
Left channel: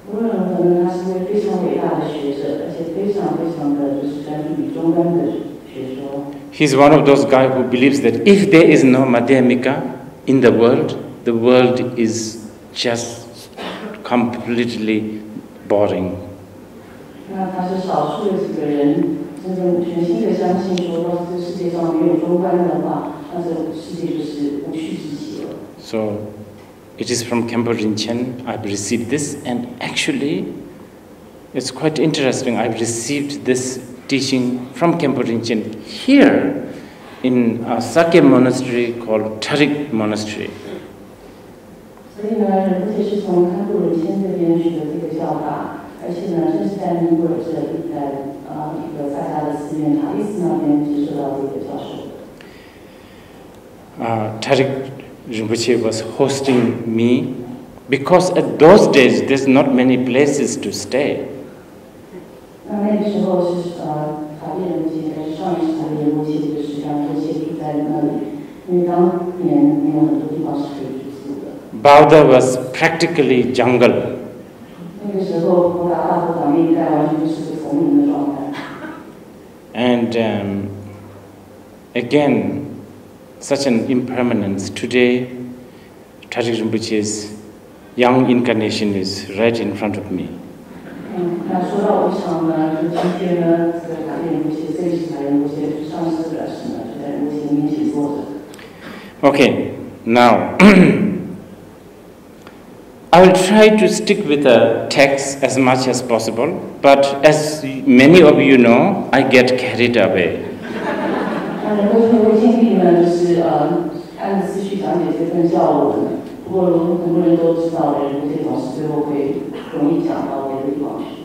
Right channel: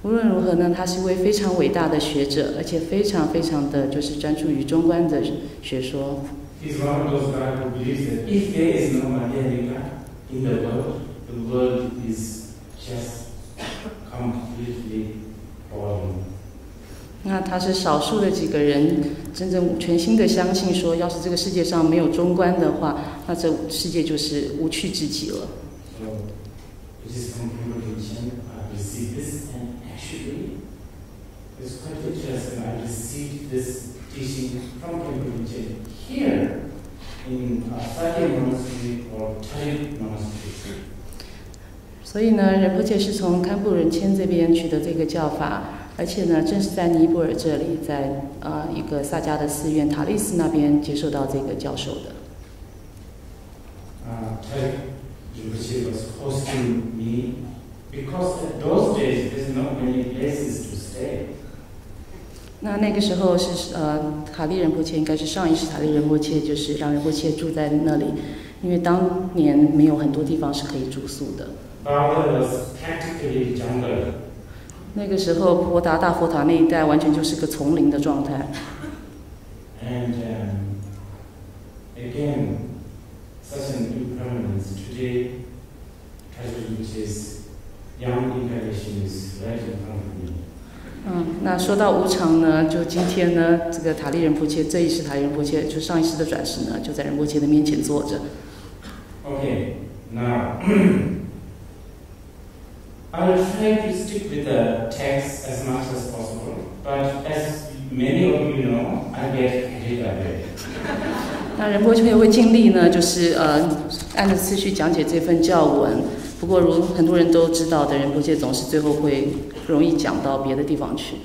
无论如何呢，他是位非常伟大的学者，而且非常非常的就是专注于中观的学说。He's one of those guys who believes that if there is no Madhyamika in the world is just completely boring. 那他是少数的几个人真正全心的相信说，要是这个世界上没有中观的话，那这世界就是无趣之极了。So, it is from Rinpoche I've received this, and actually, it's quite interesting. I've received this teaching from Rinpoche here in a Sakya monastery called Tarik Monastery. 所以呢，仁波切是从堪布仁谦这边取得这个教法。而且呢，正是在尼泊尔这里，在一个萨迦的寺院塔利斯那边接受到这个教授的。Tarik Rinpoche was hosting me because at those days there's not many places to stay. 那个时候是塔利仁波切应该是上一世塔利仁波切，就是让仁波切住在那里，因为当年没有很多地方是可以住宿的。Bauda was practically jungle. 那个时候，婆达大佛塔那一带完全就是个丛林的状态。And again, such an impermanence. Today, Tarik Rinpoche's young incarnation is right in front of me. 那说到无常呢，就今天呢，这个塔利仁波切这一世塔利仁波切，就上一世的转世呢，就在仁波切的面前坐着。Okay, now. I will try to stick with the text as much as possible, but as many of you know, I get carried away. 那仁波切会尽力呢，就是按着次序讲解这份教文。不过，如很多人都知道的，仁波切总是最后会容易讲到别的地方去。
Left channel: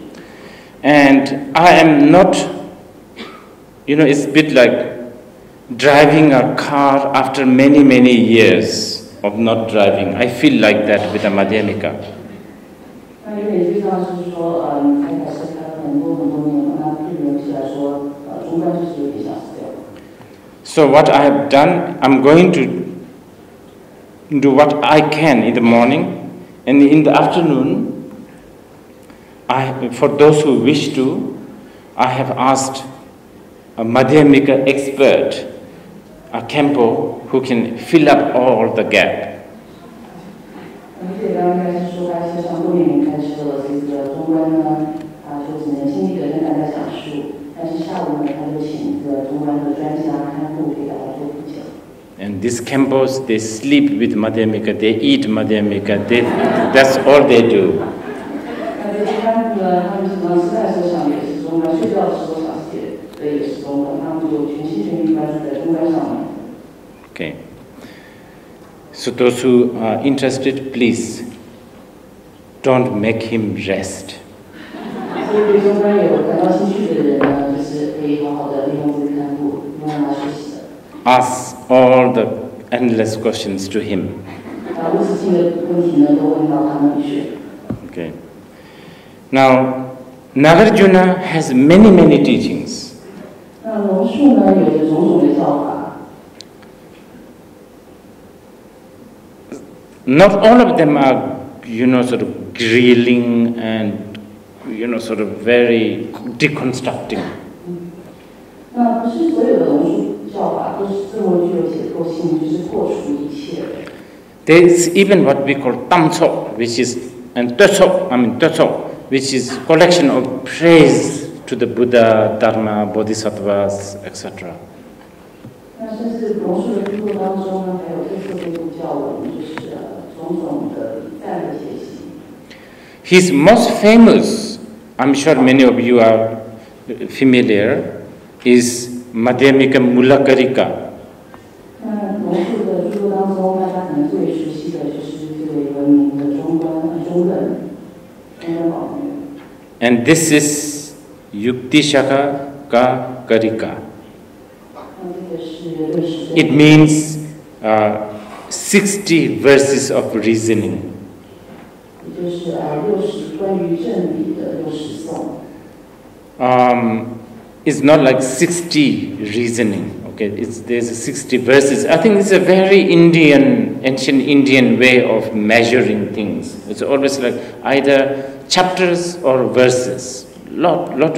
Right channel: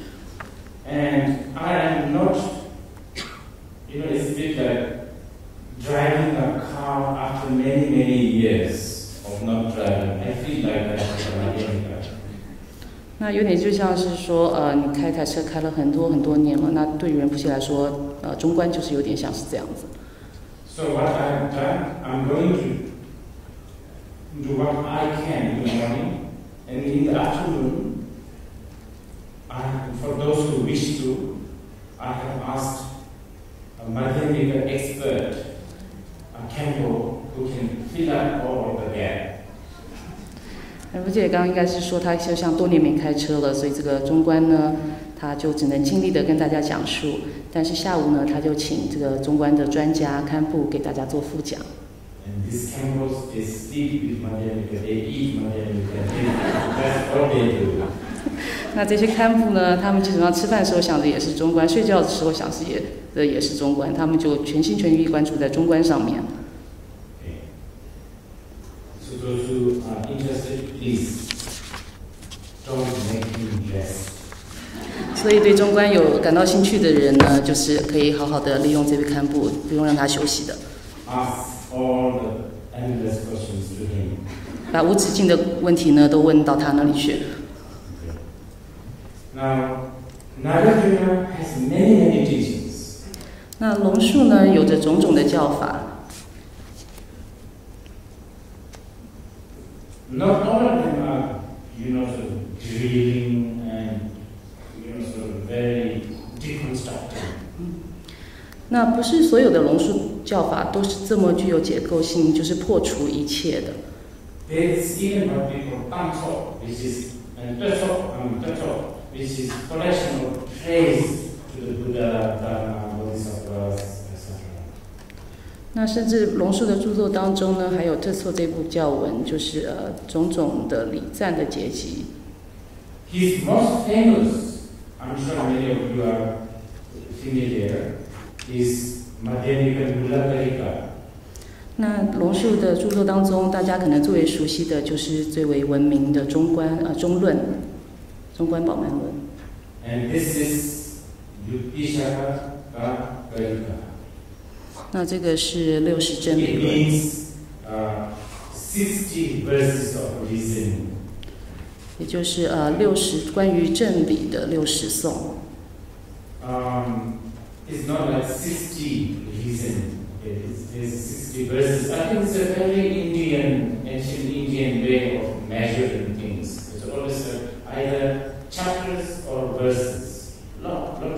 And I am not, it's a bit like driving a car after many, many years of not driving. I feel like that with a Madhyamika. 那有点就像是说，你开车开了很多年了，那对于仁波切来说，中观就是有点像是这样子。So what I have done, I'm going to do what I can in the morning, and in the afternoon, for those who wish to, I have asked a Madhyamika expert, a Kempo, who can fill up all the gap. 仁波切刚刚应该是说他就像多年没开车了，所以这个中观呢，他就只能尽力的跟大家讲述。但是下午呢，他就请这个中观的专家堪布给大家做副讲。And these Kempos, they sleep with Madhyamika, they eat Madhyamika, that's all they do. 那这些堪布呢，他们基本上吃饭的时候想的也是中观，睡觉的时候想的也是中观，他们就全心全意关注在中观上面。Okay. So those who are interested, please don't make him rest. 所以对中观有感到兴趣的人呢，就是可以好好的利用这位堪布，不用让他休息的。Ask all the endless questions to him. 把无止境的问题呢，都问到他那里去。Okay. Now, Nagarjuna has many, many teachings. 那龙树呢，有着种种的教法。Not all of them are, sort of grilling and, sort of very deconstructing. 那不是所有的龙树教法都是这么具有结构性，就是破除一切的。There is even what we call tamso, which is Tetso, which is collection of praise to the Buddha, Dharma, Bodhisattvas, etc. 那甚至龙树的著作当中呢，还有特色这部教文，就是种种的礼赞的阶级。His most famous, I'm sure many of you are familiar, is Madhyamika Mulakarika. 那龙树的著作当中，大家可能最为熟悉的就是最为闻名的中观宝门论。And this is Yuktishaka Karika. 那这个是60真理。 It means 60 verses of reasoning. 也就是60关于真理的60颂。It's not like 60 reasoning. Okay, there's 60 verses. I think it's a very ancient Indian way of measuring things. It's always like either chapters or verses. Lot of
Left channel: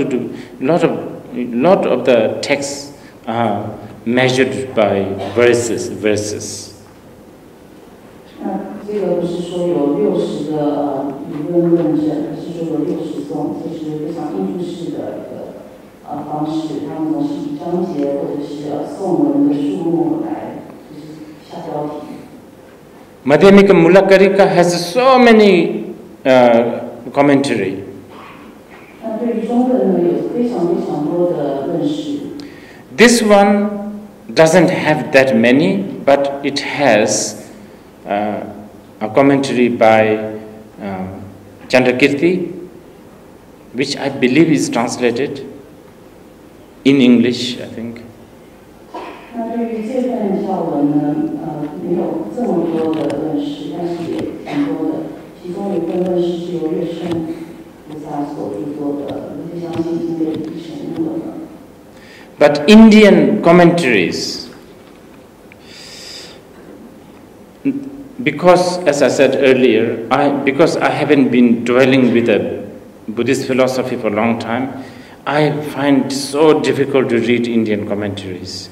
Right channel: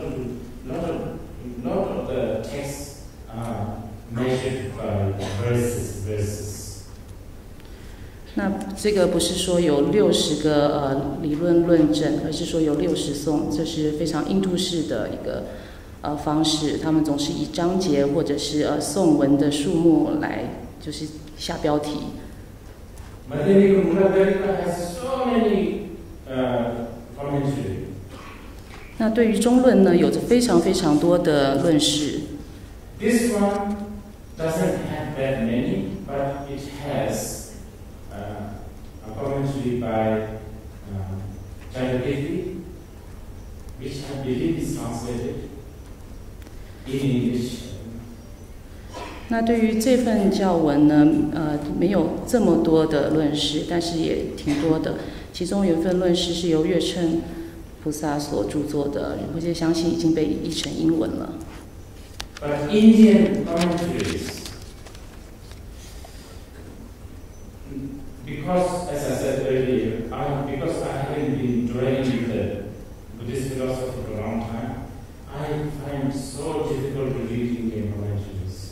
the texts are measured by verses. 那这个不是说有60个理论论证，而是说有60颂，这是非常印度式的一个方式。他们总是以章节或者是颂文的数目来就是下标题。Madhyamika Mulakarika has so many commentary. 那对于中论呢，有着非常非常多的论释。This one doesn't have that many, but it has a commentary by Chandrakirti, which I believe is translated in English, I think. 那对于这份教文呢，没有这么多的论释，但是也挺多的。其中有一份论释是由月称菩萨所著作的，我现在相信已经被译成英文了。But Indian commentaries, because as I said earlier, because I haven't been dwelling with a Buddhist philosophy for a long time, I find it so difficult to read Indian commentaries.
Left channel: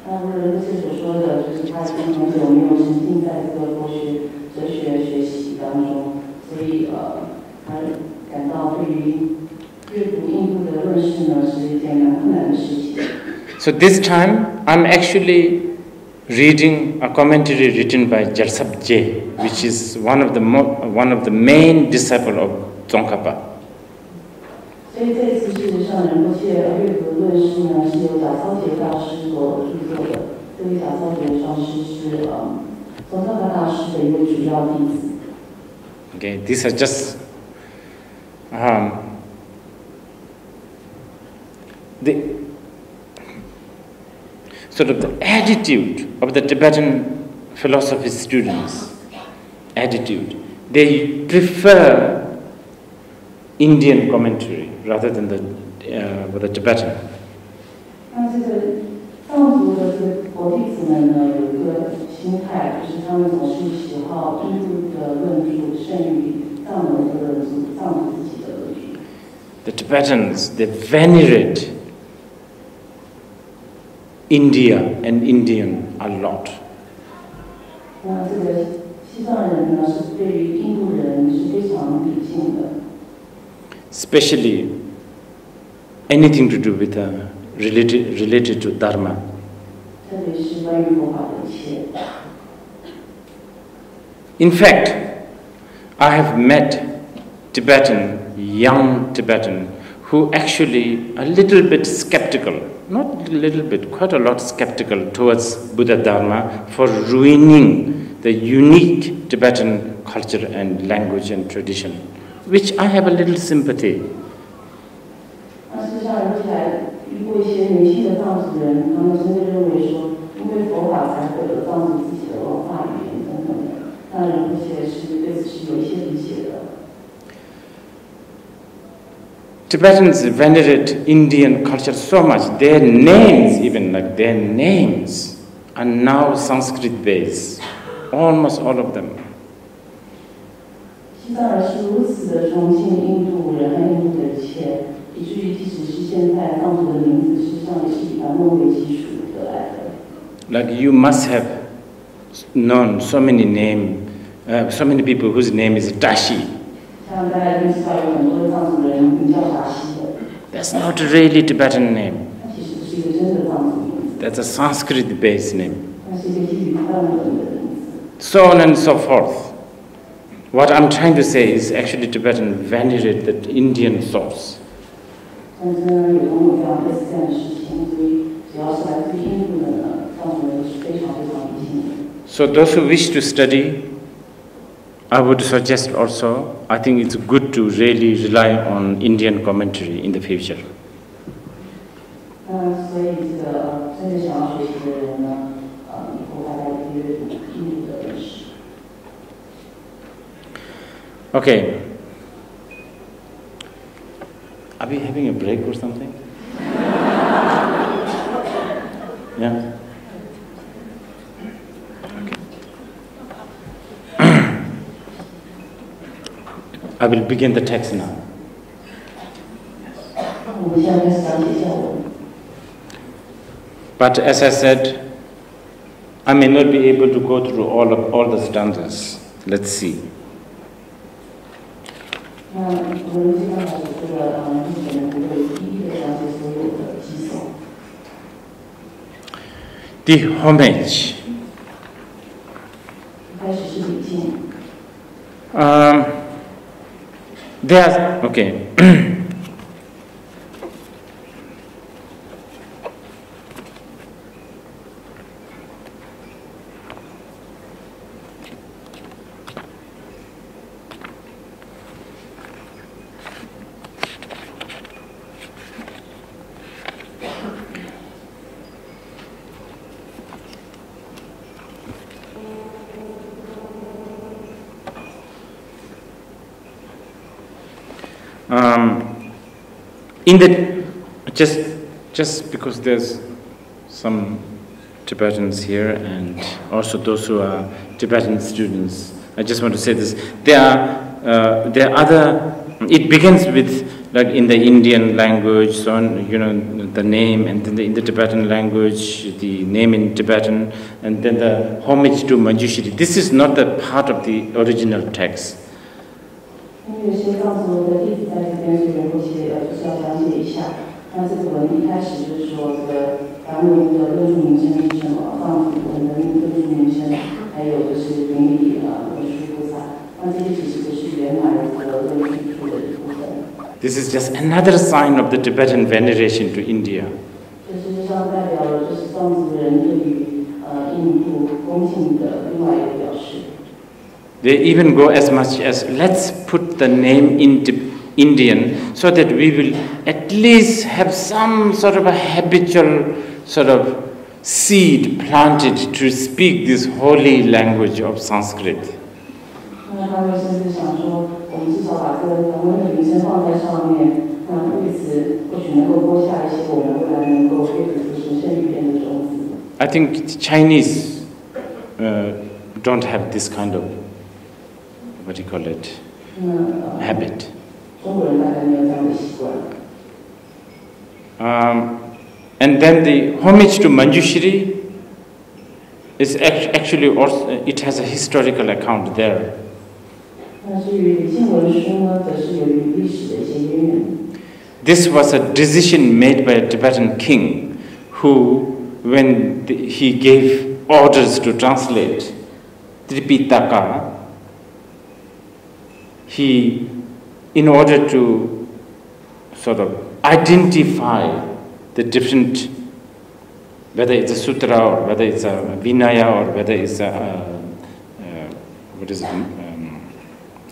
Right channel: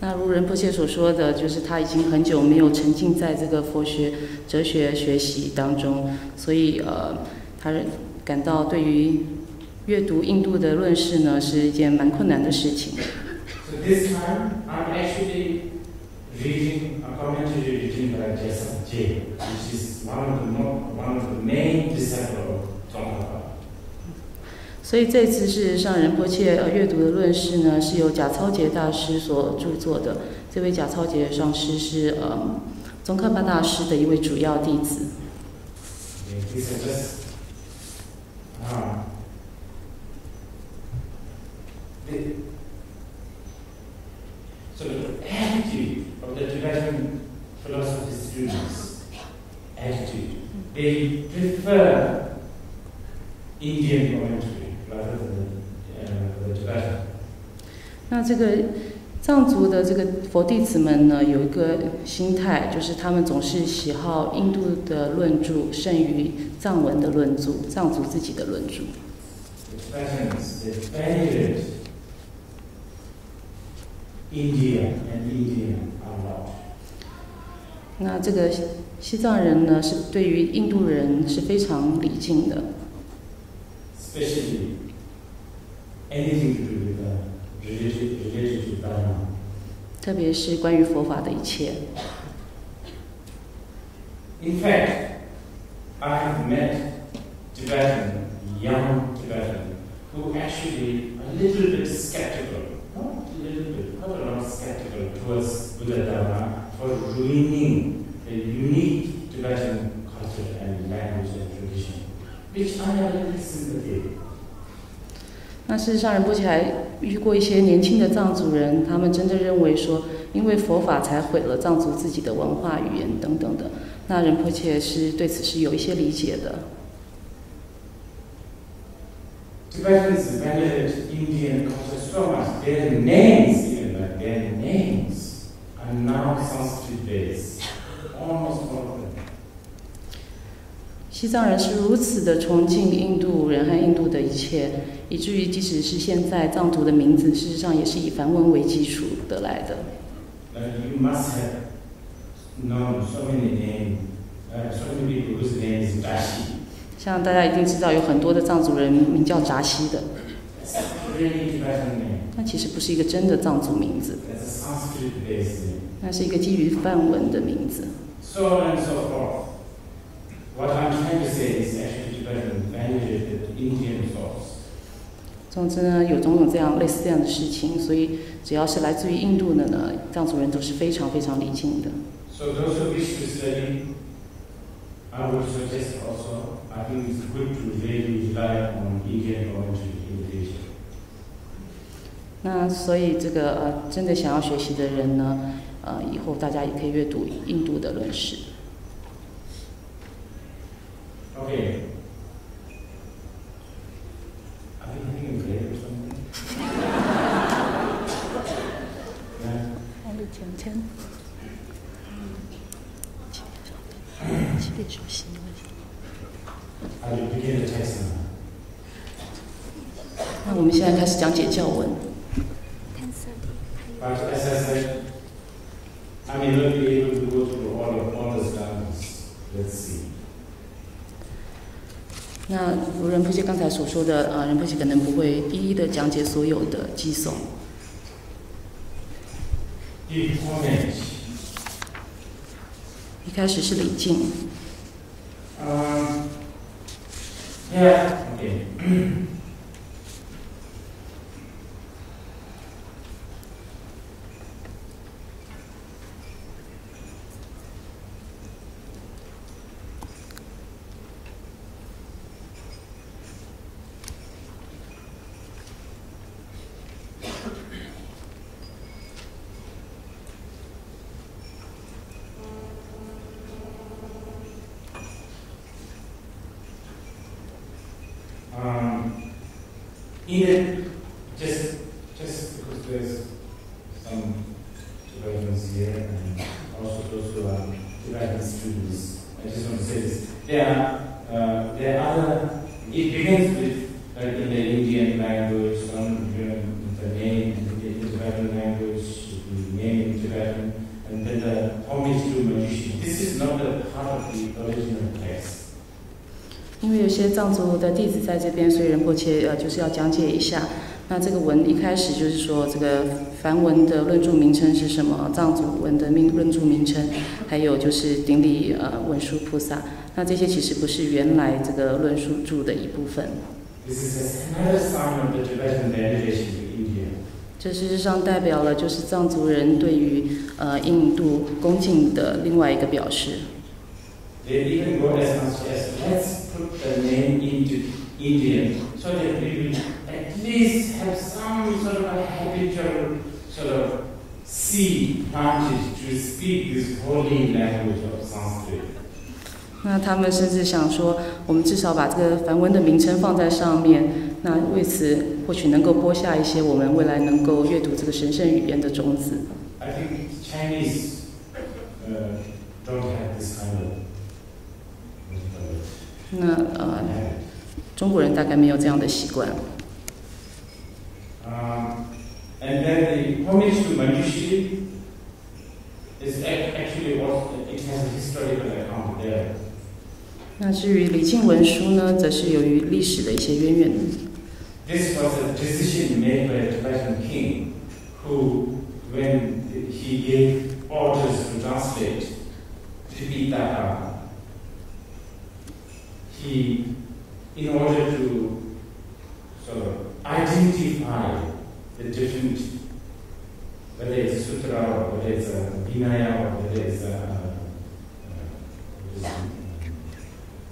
那如仁波切所说的，就是他已经很久没有沉浸在这个佛学哲学学习当中，所以他感到对于阅读印度的论释呢是一件蛮困难的事情。So this time I'm actually reading a commentary written by Jalsabje, which is one of the main disciple of Tsongkhapa. 所以这次事实上，仁波切阅读的论诗呢，是由贾超杰大師所著作的。这位贾超杰上師是宗喀巴大師的一位主要弟子。Okay, these are just the sort of the attitude of the Tibetan philosophy students. Attitude. They prefer Indian commentary rather than the Tibetan. 那这个藏族的这个佛弟子们呢，有一个心态，就是他们总是喜好印度的论著胜于藏文的论著，藏族自己的论著。The Tibetans, they venerate India and Indian a lot. 那这个西藏人呢，是对于印度人是非常礼敬的。Especially anything to do with related to Dharma. 特别是关于佛法的一切。In fact, I have met young Tibetan, who actually a little bit skeptical, not a little bit, quite a lot skeptical towards Buddha Dharma for ruining the unique Tibetan culture and language and tradition, which I have a little sympathy. 那事实上，仁波切还遇过一些年轻的藏族人，他们真正认为说，因为佛法才毁了藏族自己的文化、语言等等的。那仁波切是对此是有一些理解的。Tibetans venerate Indian culture so much. Their names, even like their names, are now Sanskrit-based. Almost all of them. 西藏人是如此的崇敬印度人和印度的一切，以至于即使是现在藏族的名字，事实上也是以梵文为基础得来的。Like you must have known so many people whose name is Dashi. 像大家一定知道，有很多的藏族人名叫扎西的。That's not a really Tibetan name. 那其实不是一个真的藏族名字。That's a Sanskrit-based name. 那是一个基于梵文的名字。So on and so forth. What I'm trying to say is actually Tibetan venerate the Indian source. 总之呢，有种种类似这样的事情，所以只要是来自于印度的呢，藏族人都是非常非常礼敬的。So those who wish to study, I would suggest also, I think it's good to really rely on Indian commentary in the future. 那所以这个真的想要学习的人呢，以后大家也可以阅读印度的论史。Okay. Are we having a break or something? Yeah. I will begin the text now. 我们现在开始讲解教文。But as I said, I may not be able to go through all the stanzas. Let's see. 那如仁波切刚才所说的，仁波切可能不会一一的讲解所有的偈颂。The homage. 一开始是礼敬。Okay. Just because there's some Tibetans here and also those who are Tibetan students, I just want to say this. There are other. It begins with like in the Indian language, so on, the name, and then in the Tibetan language, the name in Tibetan, and then the homage to Manjushri. This is not the part of the original text. 因为有些藏族的弟子在这边，所以仁波切就是要讲解一下。那这个文一开始就是说，这个梵文的论著名称是什么？藏族文的论著名称，还有就是顶礼文殊菩萨。那这些其实不是原来这个论述注的一部分。This is just another sign of the Tibetan veneration to India. 这事实上代表了就是藏族人对于印度恭敬的另外一个表示。They even go as much as let's put the name Indian so that we will at least have some sort of a habitual sort of seed planted to speak this holy language of Sanskrit. 那他们甚至想说，我们至少把这个梵文的名称放在上面，那为此或许能够播下一些我们未来能够阅读这个神圣语言的种子。I think Chinese don't have this kind of what do you call it habit. 中国人大概没有这样的习惯。And then the homage to Manjushri is actually also, it has a historical account there. 那至于礼敬文书呢，则是由于历史的一些渊源。This was a decision made by a Tibetan king who, when he gave orders to translate Tripitaka, he, in order to sort of identify the different, whether it's a sutra or whether it's a Vinaya or whether it's a what is it,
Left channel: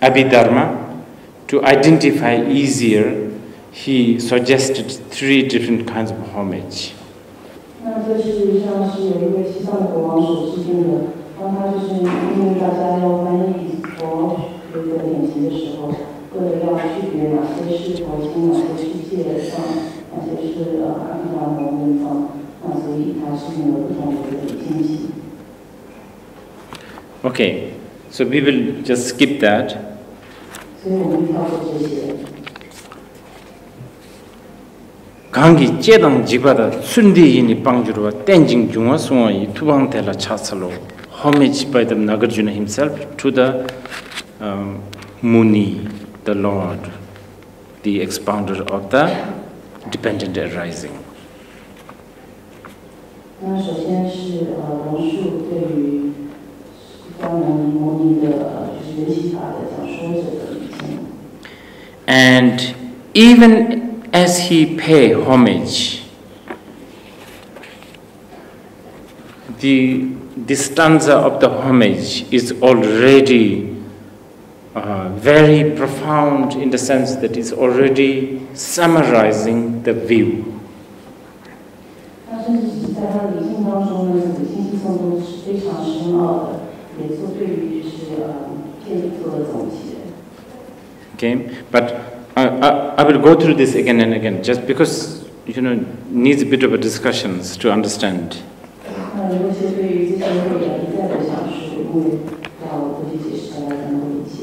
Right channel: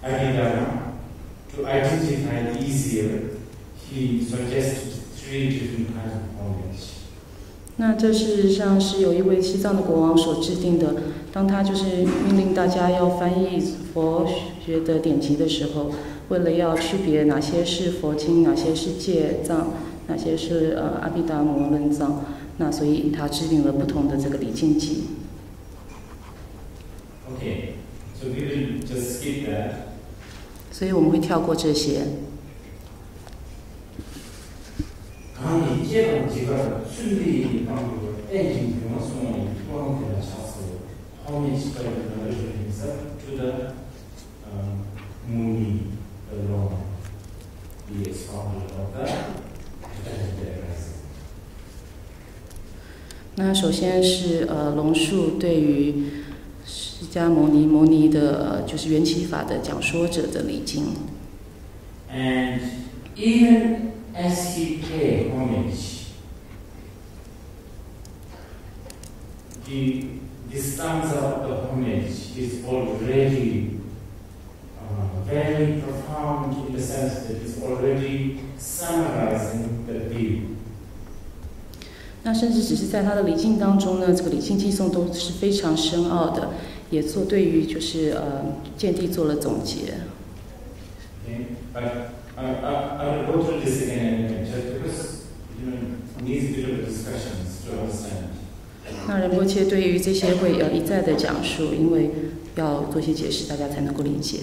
Abhidharma, to identify easier, he suggested 3 different kinds of homage. 那这事实上是有一位西藏的国王所制定的。当他就是命令大家要翻译佛学的典籍的时候，为了要区别哪些是佛经，哪些是戒藏，哪些是阿毗达摩文藏，那所以他制定了不同的这个礼敬集。Okay, so we will just skip that. 所以我们会跳过这些。강기 제당 지바다 순디인이 빵주로 땡징 중화 숭어이 투방텔라 차살로 homage by the Nagarjuna himself to the Muni, the Lord, the expounder of the dependent arising. 那首先是龙树对于释迦牟尼的就是缘起法的讲说者的礼敬。And even as he pay homage, the stanza of the homage is already very profound in the sense that it's already summarizing the view. 那甚至只是在他的礼敬当中呢，这个礼敬偈颂都是非常深奥的，也做对于就是见地做了总结。Okay, but I will go through this again and again, just because needs a bit of a discussions to understand. 那仁波切对于这些会一再的讲述，因为要做些解释，大家才能够理解。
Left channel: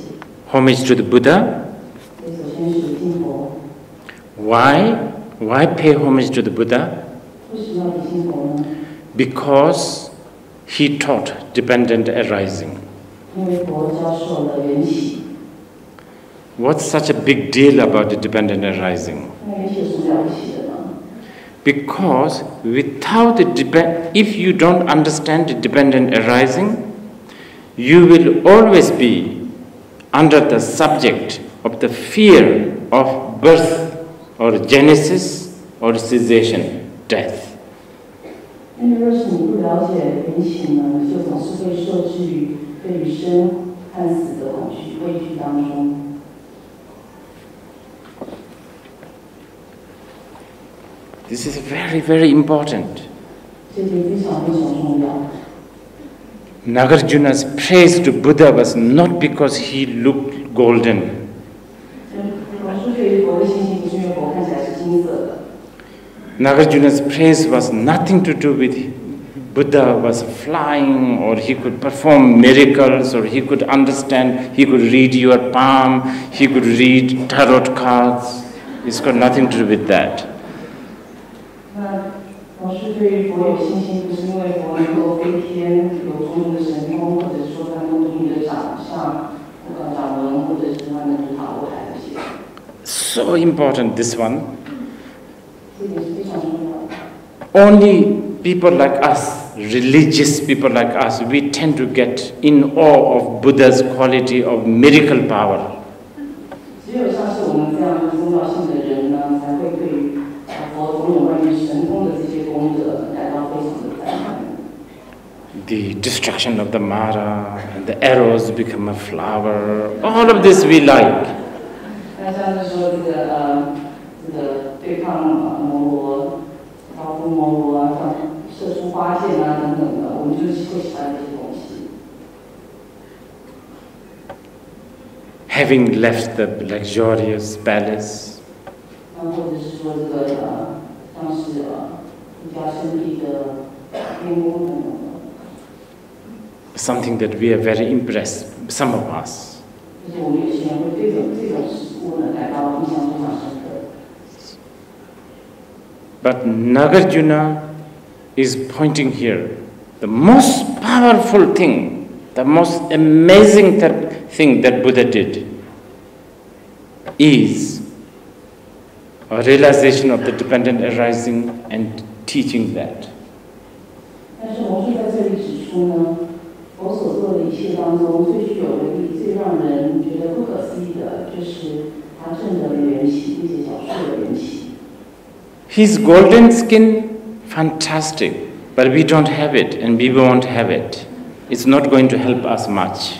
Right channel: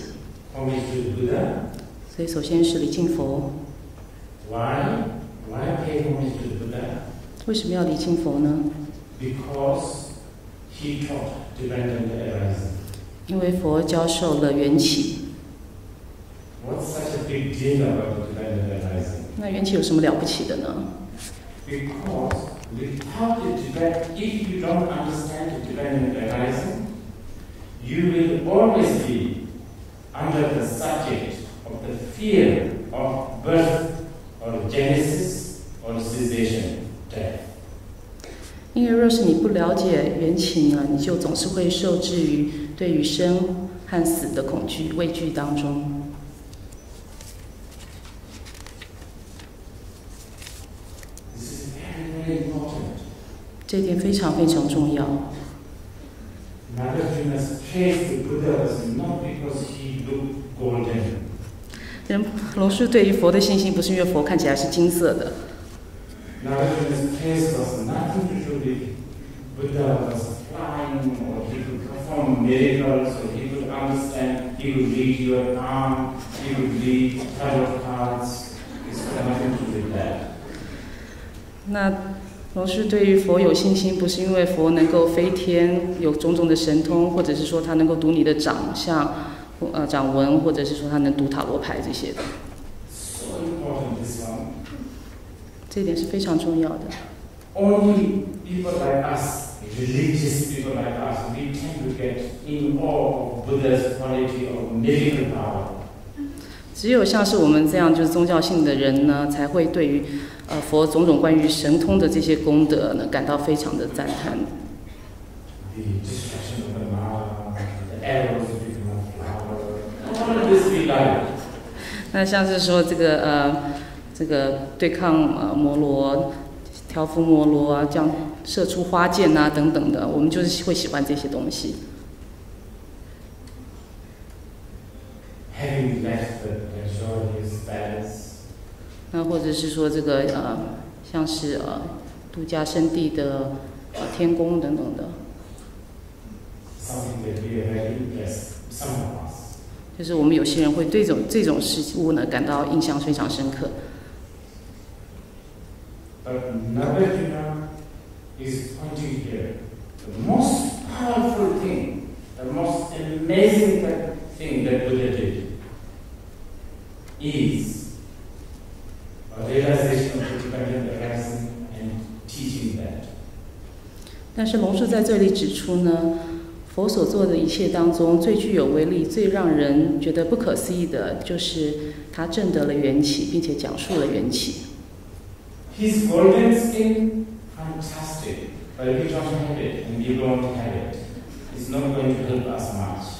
Homage to the Buddha. 所以首先是礼敬佛。Why pay homage to the Buddha? 为什么要礼敬佛呢？ Because he taught dependent arising. 因为佛教授了缘起。What's such a big deal about the dependent arising? 那缘起有什么了不起的呢？ Because without if you don't understand the dependent arising, you will always be under the subject of the fear of birth or genesis or cessation, death. 因为若是你不了解缘起呢，你就总是会受制于对于生和死的恐惧、畏惧当中。This is very, very important. 这一点非常非常重要。Nagarjuna's praise to Buddha was not because he looked golden. 龙树对于佛的信心不是因为佛看起来是金色的。Nagarjuna's praise was nothing to do with Buddha was flying or he could perform miracles or he could understand, he could read your palm, he could read tarot cards. It's got nothing to do with that. 那龙树对于佛有信心，不是因为佛能够飞天，有种种的神通，或者是说他能够读你的掌相、掌纹，或者是说他能读塔罗牌这些的。So important, this one. 这点是非常重要的。only people like us, religious people like us, we tend to get in awe of Buddha's quality of miracle power. 只有像是我们这样就是宗教性的人呢，才会对于佛种种关于神通的这些功德呢，感到非常的赞叹。The destruction of the Mara and the arrows become a flower. All of this we like. 那像是说这个对抗摩罗、挑夫摩罗啊，这样射出花箭啊等等的，我们就是会喜欢这些东西。Having left the luxurious palace. 那或者是说这个像是度假胜地的天宫等等的。Something that we are very impressed, some of us. 就是我们有些人会对这种事物呢感到印象非常深刻。But Nagarjuna is pointing here, the most powerful thing, the most amazing thing that Buddha did is a realization of the dependent arising and teaching that. 但是龙树在这里指出呢，佛所做的一切当中，最具有威力、最让人觉得不可思议的，就是他证得了缘起，并且讲述了缘起。His golden skin, fantastic, but we don't have it and we won't have it. It's not going to help us much.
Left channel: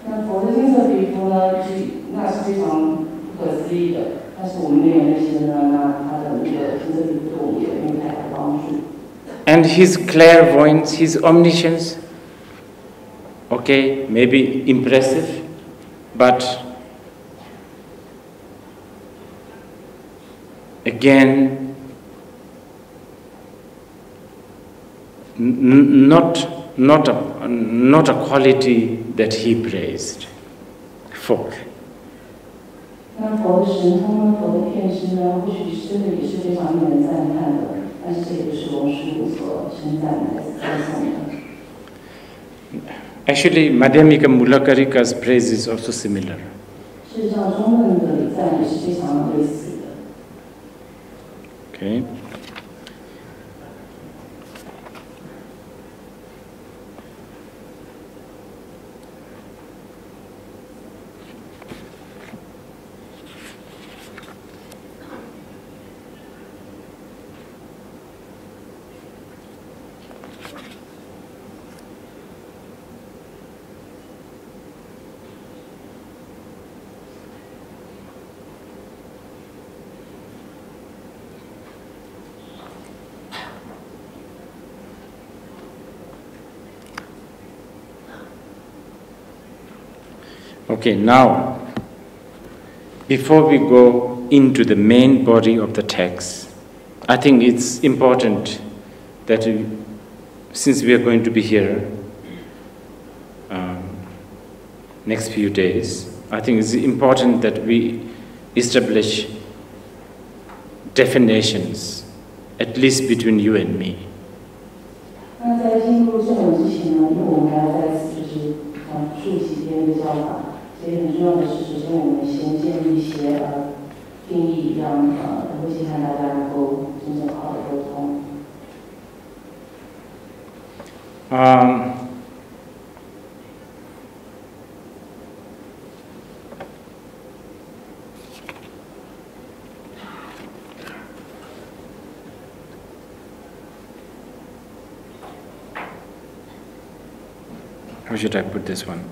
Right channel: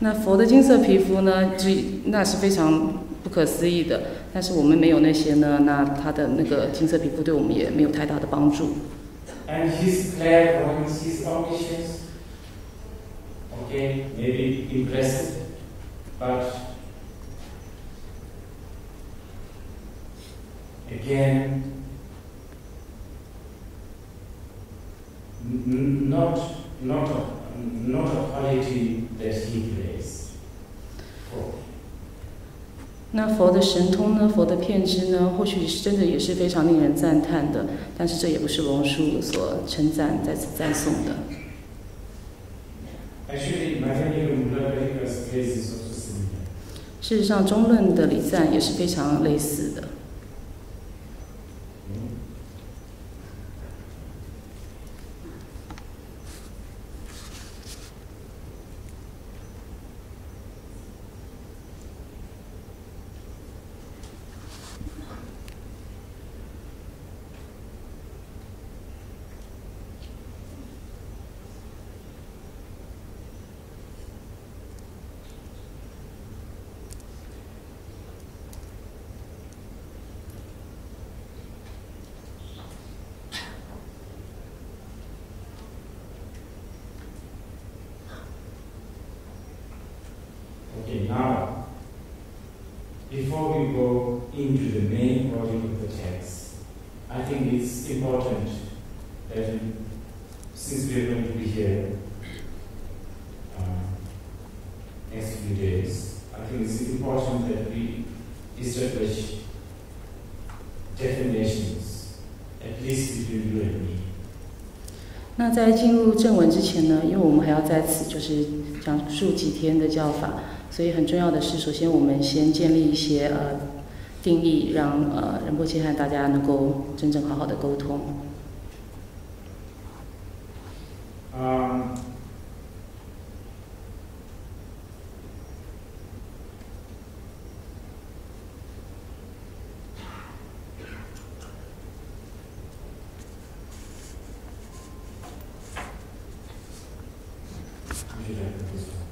那佛的金色皮肤呢，那是非常不可思议的，但是我们没有那些呢，那他的那个金色皮肤对我们也没有太大的帮助。And his clairvoyance, his omniscience, okay, maybe impressive, but again, not a quality that he praised for. 那佛的神通呢，佛的遍知呢，或许是真的也是非常令人赞叹的，但是这也不是龙树所称赞、再次赞颂的。Actually, Madhyamika Mulakarika's praise is also similar. 事实上，中论的礼赞也是非常类似的。Okay. Okay, now, before we go into the main body of the text, I think it's important that since we are going to be here next few days, I think it's important that we establish definitions, at least between you and me. 那在进入正文之前呢，因为我们还要在此就是讲述几天的教法。所以很重要的是，首先我们先建立一些定义，让仁波切和大家能够真正好好的沟通。How should I put this one?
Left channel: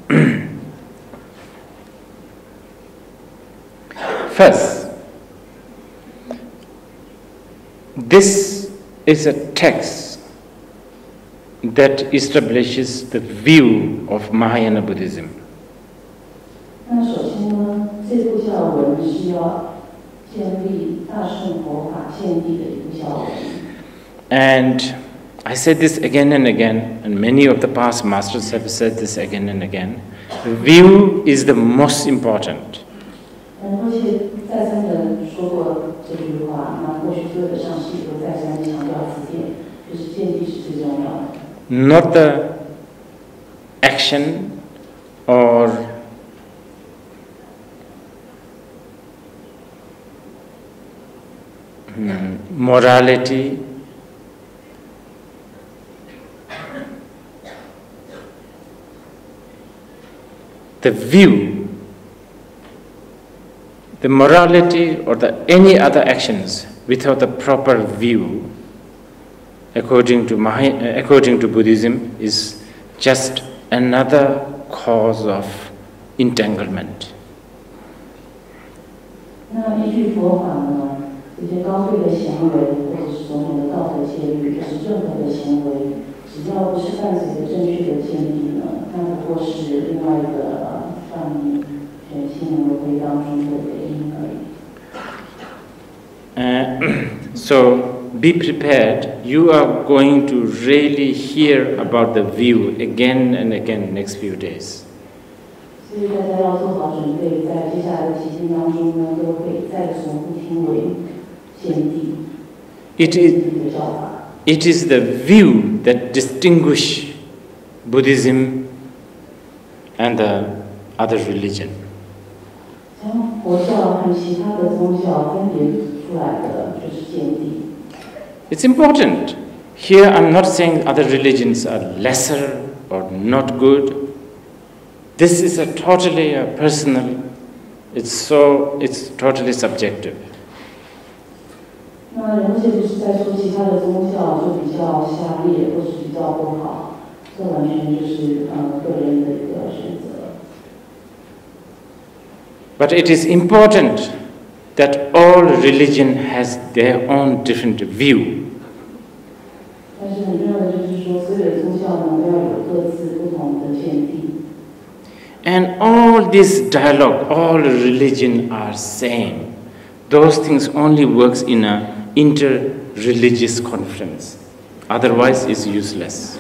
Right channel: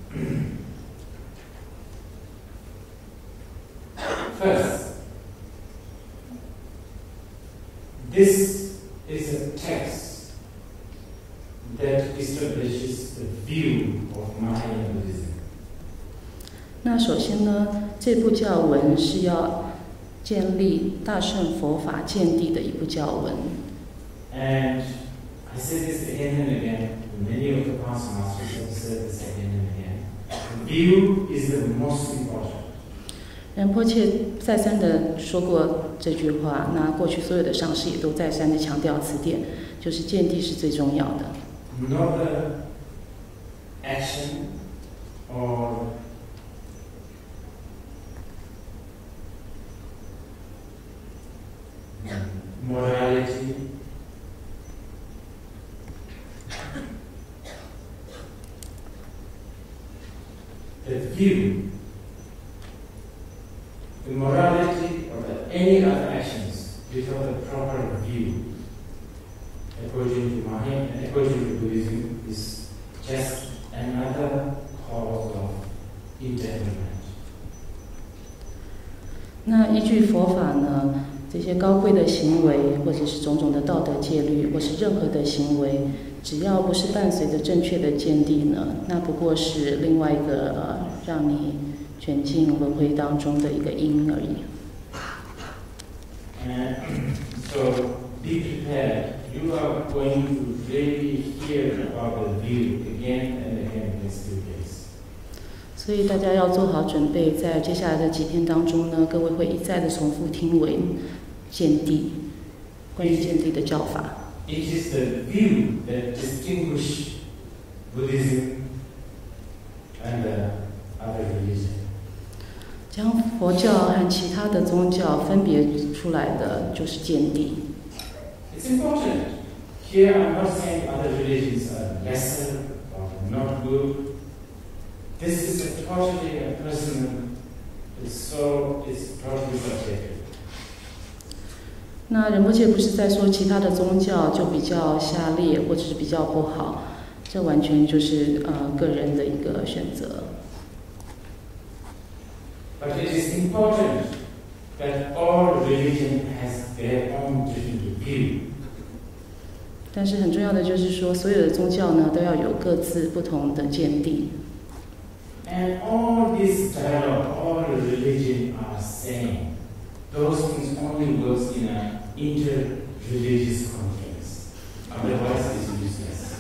First, this is a text that establishes the view of Mahayana Buddhism. 那首先呢，这部教文是要建立大乘佛法见地的一部教文。And I said this again and again, and many of the past masters have said this again and again. The view is the most important. 仁波切再三的说过这句话，那过去所有的上师也都再三的强调此点，就是见地是最重要的。Not the action or morality the view, the morality or any other actions without the proper view, according to Buddhism, is just another cause of entanglement. 那依据佛法呢，这些高贵的行为，或者是种种的道德戒律，或是任何的行为，只要不是伴随着正确的见地呢，那不过是另外一个让你卷进轮回当中的一个因而已。So be prepared. You are going to really hear about the view again and again next few days. 所以大家要做好准备，在接下来的几天当中呢，各位会一再的重复听为见地，见地的教法。It is the view that distinguish Buddhism and the other religion. 将佛教和其他的宗教分别出来的就是见地。It's important. Here I'm not saying other religions are lesser or not good. This is a totally personal, it's totally subjective. 那仁波切不是在说其他的宗教就比较下劣或者是比较不好，这完全就是个人的一个选择。But it is important that all religion has their own different view. 但是很重要的就是说，所有的宗教呢都要有各自不同的见地。And all this dialogue, all religion are same. Those things only works in an inter-religious conference. Otherwise, it's useless.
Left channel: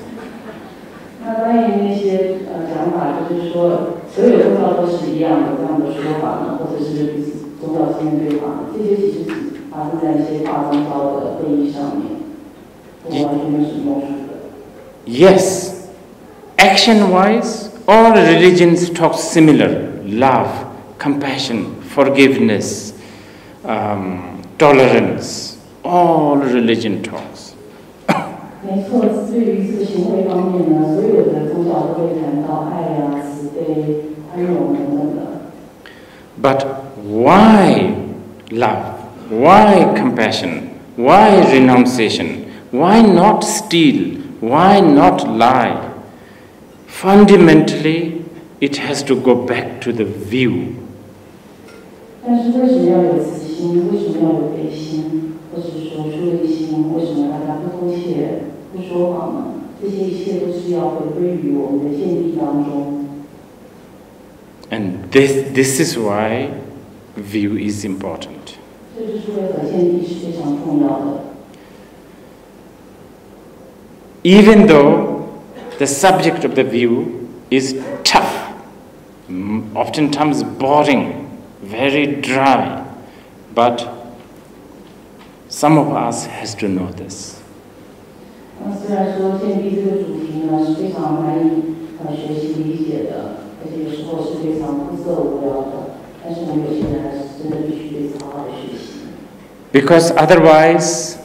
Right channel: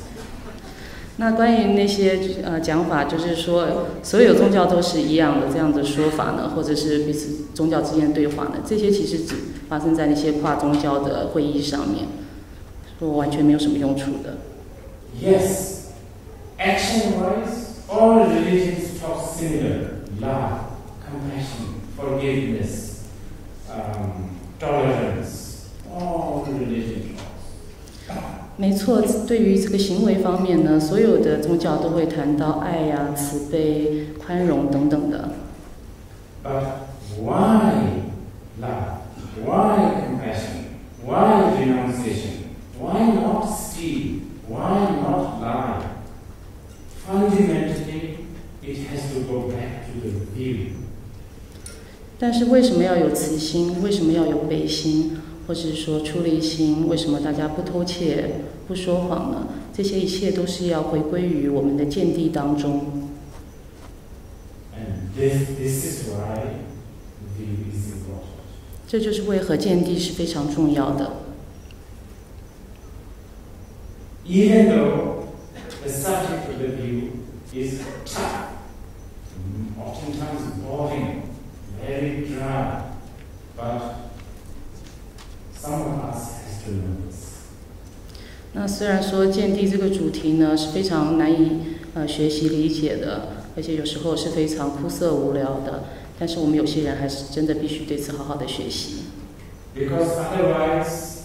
那关于那些讲法，就是说所有宗教都是一样的这样的说法呢，或者是彼此宗教之间对话呢，这些其实只发生在那些跨宗教的会议上面，完全没有什么用处的。Yes, action-wise, all religions talk similar: love, compassion, forgiveness, tolerance. All religion talks. 没错，对于这个行为方面呢，所有的宗教都会谈到爱啊、慈悲、宽容等等的。But why love? Why compassion? Why renunciation? Why not steal? Why not lie? Fundamentally, it has to go back to the view. 但是为什么要有慈心？为什么要有悲心？或是说出离心？为什么大家不偷窃、不说谎呢？这些一切都是要回归于我们的见地当中。And this is why view is important. 这就是为何见地是非常重要的。Even though the subject of the view is tough, oftentimes boring, very dry, but some of us has to know this. 那虽然说见地这个主题呢是非常难以学习理解的，而且有时候是非常枯涩无聊的，但是我们有些人还是真的必须对此好好的学习。Because otherwise,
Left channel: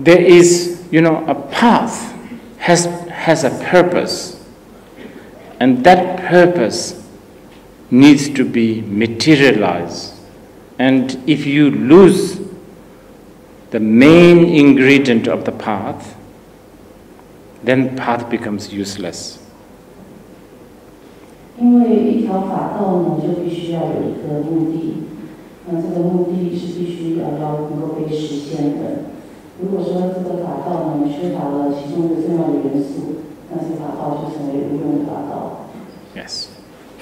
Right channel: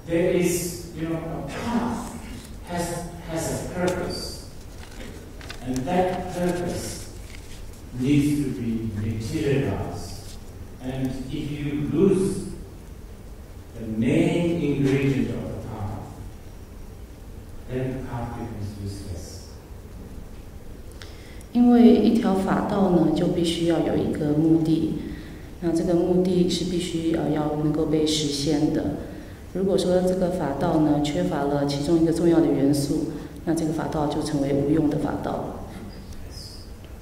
there is, a path has a purpose, and that purpose needs to be materialized. And if you lose the main ingredient of the path, then path becomes useless. 因为一条法道呢，就必须要有一个目的，那这个目的是必须要能够被实现的。如果说这个法道呢缺乏了其中一个重要的元素，那这个法道就成为无用的法道。Yes.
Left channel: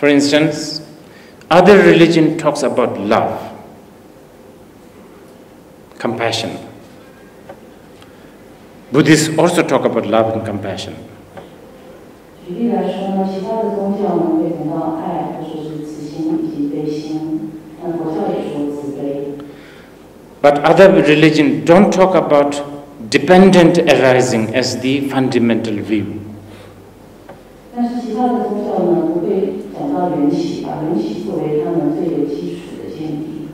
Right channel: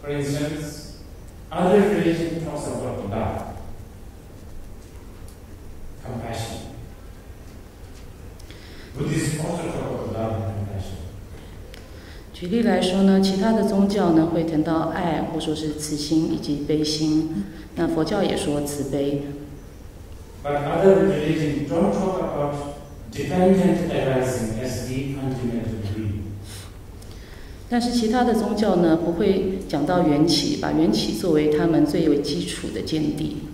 For instance, other religion talks about love, compassion. Buddhists also talk about love and compassion. 举例来说呢，其他的宗教呢会谈到爱，或说是慈心以及悲心。那佛教也说慈悲。But other religions don't talk about dependent arising as the fundamental view. 但是其他的宗教呢不会讲到缘起，把缘起作为他们最有基础的见地。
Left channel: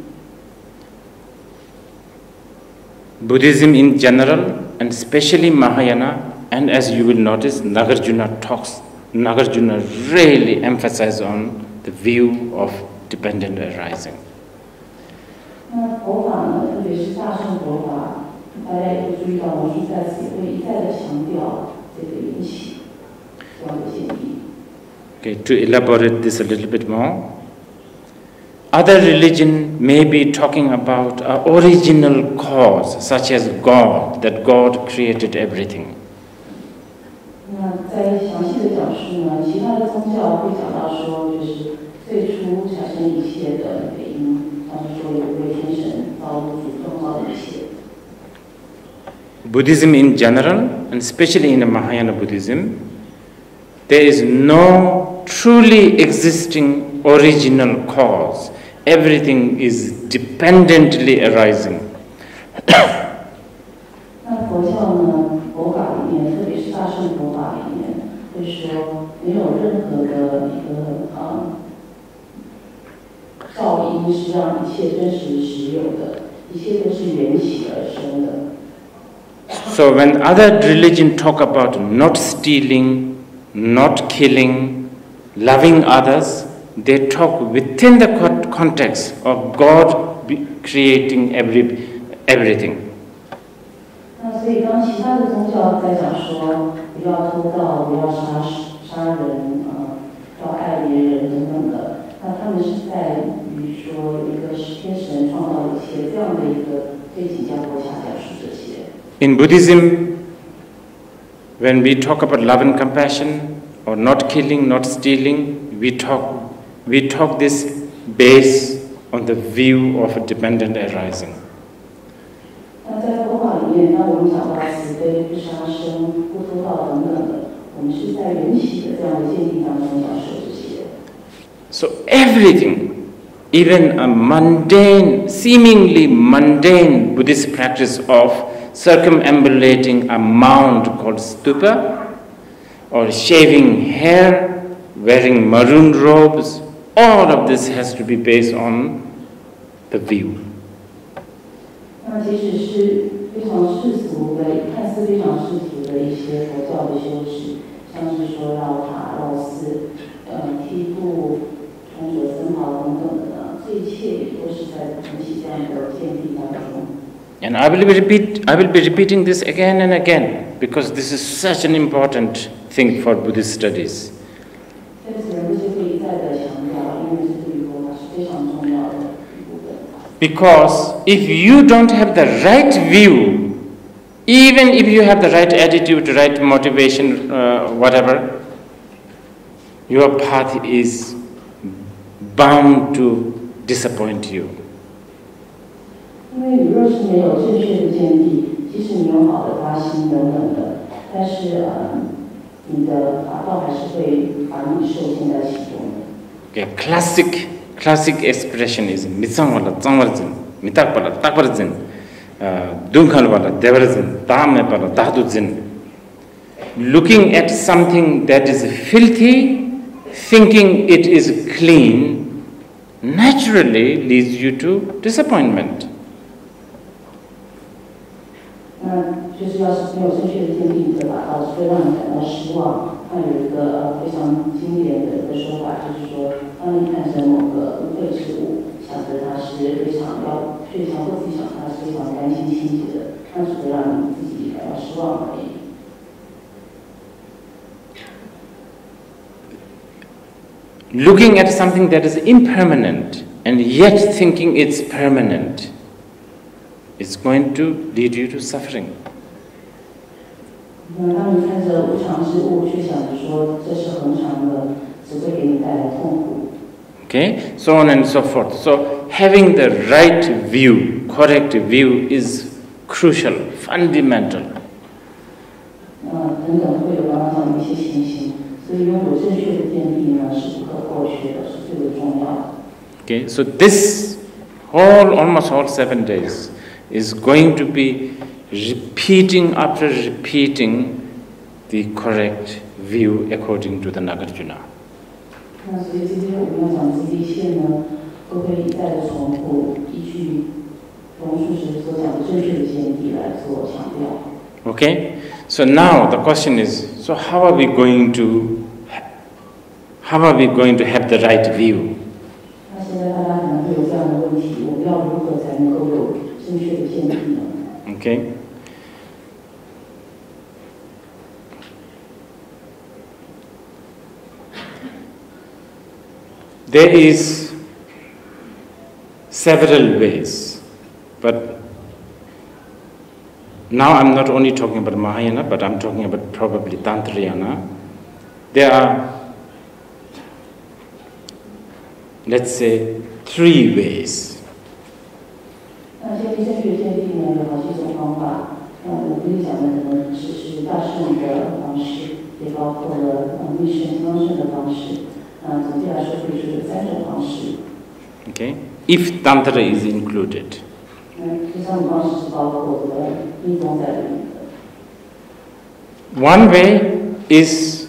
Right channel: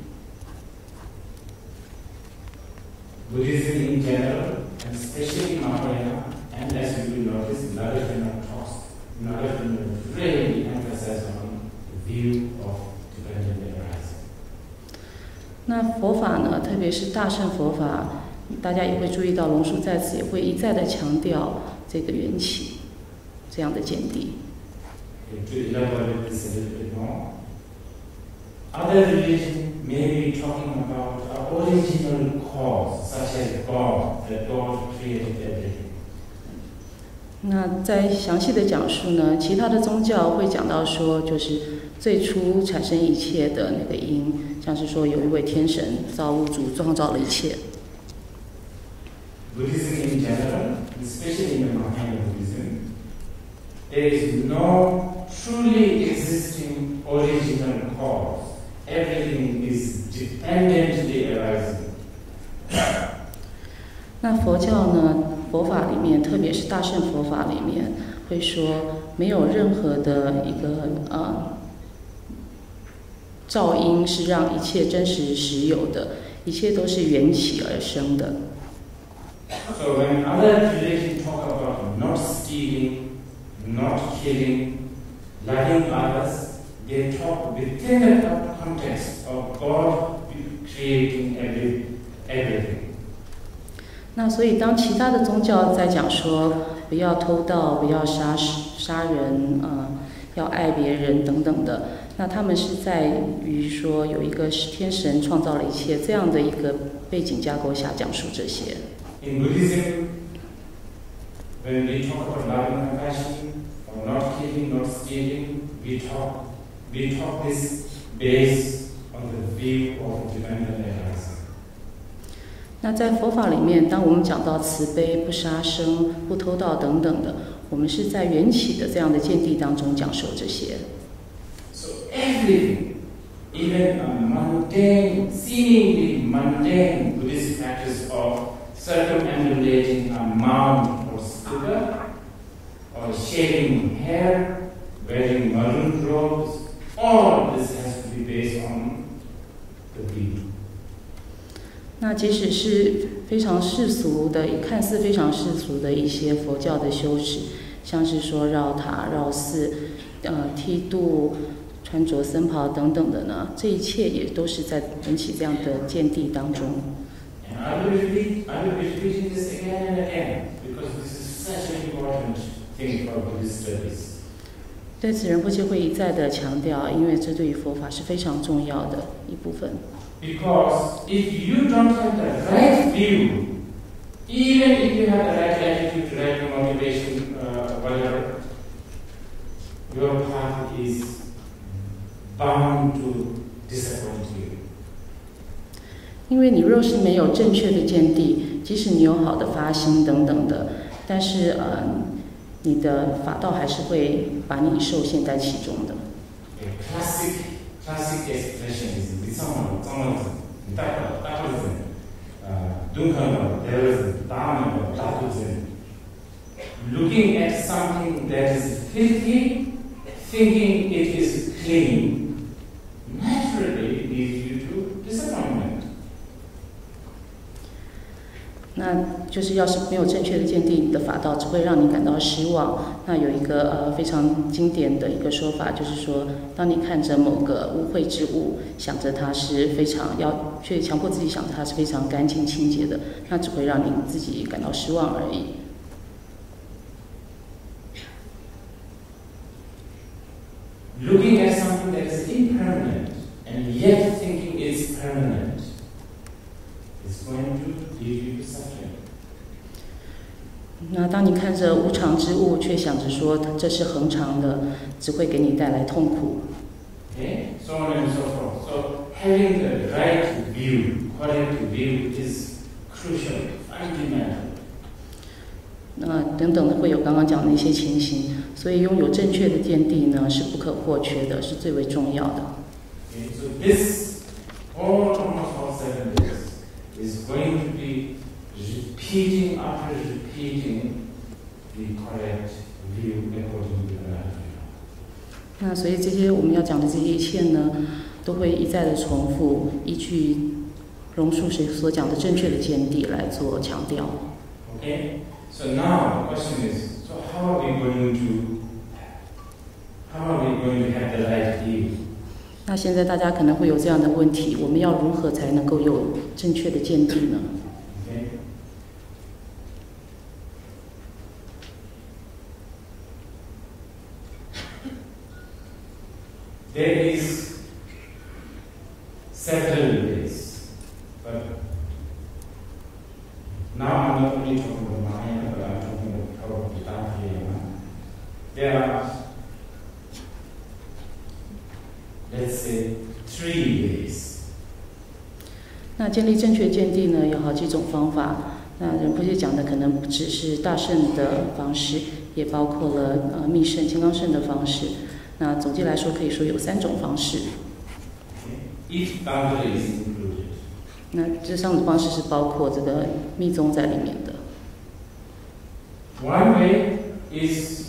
Buddhism in general, and especially Mahayana, and as you will notice, Nagarjuna really emphasizes on the view of dependent arising. 那佛法呢，特别是大乘佛法，大家也会注意到，龙树在此也会一再的强调这个缘起这样的见地。Okay, to elaborate this a little bit more, other religion may be talking about an original cause, such as God, that God created everything. 那在详细的讲述呢，其他的宗教会讲到说，就是最初产生一切的那个因，像是说有一位天神造物主创造了一切。Buddhism in general, and especially in Mahayana Buddhism, there is no truly existing original cause. Everything is dependently arising. 那佛教呢？佛法里面，特别是大乘佛法里面，会说没有任何的一个噪音是让一切真实实有的，一切都是缘起而生的。So when other religions talk about not stealing, not killing, loving others, they talk within the context of God creating everything. 那所以，当其他的宗教在讲说不要偷盗、不要杀人、要爱别人等等的，那他们是在于说有一个天神创造了一切这样的一个背景架构下讲述这些。In Buddhism, when we talk about love and compassion, or not killing, not stealing, we talk this based on the view of a dependent arising. 那在佛法里面，当我们讲到慈悲、不杀生、不偷盗等等的，我们是在缘起的这样的见地当中讲授这些。So everything, even a mundane, seemingly mundane Buddhist practice of circumambulating a mound called stupa, or shaving hair, wearing maroon robes, all of this has to be based on the view. 那即使是非常世俗的，看似非常世俗的一些佛教的修持，像是说绕塔、绕寺、剃度、穿着僧袍等等的呢，这一切也都是在缘起这样的见地当中。And I will be repeating this again and again because this is such an important thing for Buddhist studies. 在此仁波切会一再的强调，因为这对于佛法是非常重要的一部分。Because if you don't have the right view, even if you have the right attitude, right motivation, whatever, your path is bound to disappoint you. 因为你若是没有正确的见地，即使你有好的发心等等的，但是你的法道还是会把你受限在其中的。Okay, classic expression is mitsang wala tsangwarzen, mitak wala takwarzen, dunkhan wala devarzen, dame wala dahduzen. Looking at something that is filthy, thinking it is clean, naturally leads you to disappointment. 那就是要是没有正确的见地，你的法道只会让你感到失望。那有一个非常经典的一个说法，就是说，当你看着某个污秽之物，想着它是非常却强迫自己想着它是非常干净清洁的，那只会让你自己感到失望而已。Looking at something that is impermanent and yet thinking it's permanent is going to lead you to suffering. 那当你看着无常之物，却想着说这是恒常的，只会给你带来痛苦。Okay, so on and so forth. So having the right view, correct view, is crucial, fundamental. 等等的会有刚刚讲的一些情形，所以拥有正确的见地呢是不可或缺的，是最为重要的。Okay, so this almost all 7 days is going to be repeating after repeating the correct view according to the Nagarjuna. 那所以这些我们要讲的这些一切呢，都会一再的重复，依据榕树师所讲的正确的见地来做强调。Okay, so now the question is: so how are we going to have the right view? 那现在大家可能会有这样的问题：我们要如何才能够有正确的见地呢？ Okay. There is several ways, but now I'm not only talking about Mahayana, but I'm talking about probably Tantrayana. There are, let's say, 3 ways. 那建立正确见地呢，有好几种方法。那仁波切讲的可能不只是大圣的方式，也包括了密圣、金刚圣的方式。那总结来说，可以说有3种方式。Okay, if Tantra is included. 那这3种方式是包括这个密宗在里面的。One way is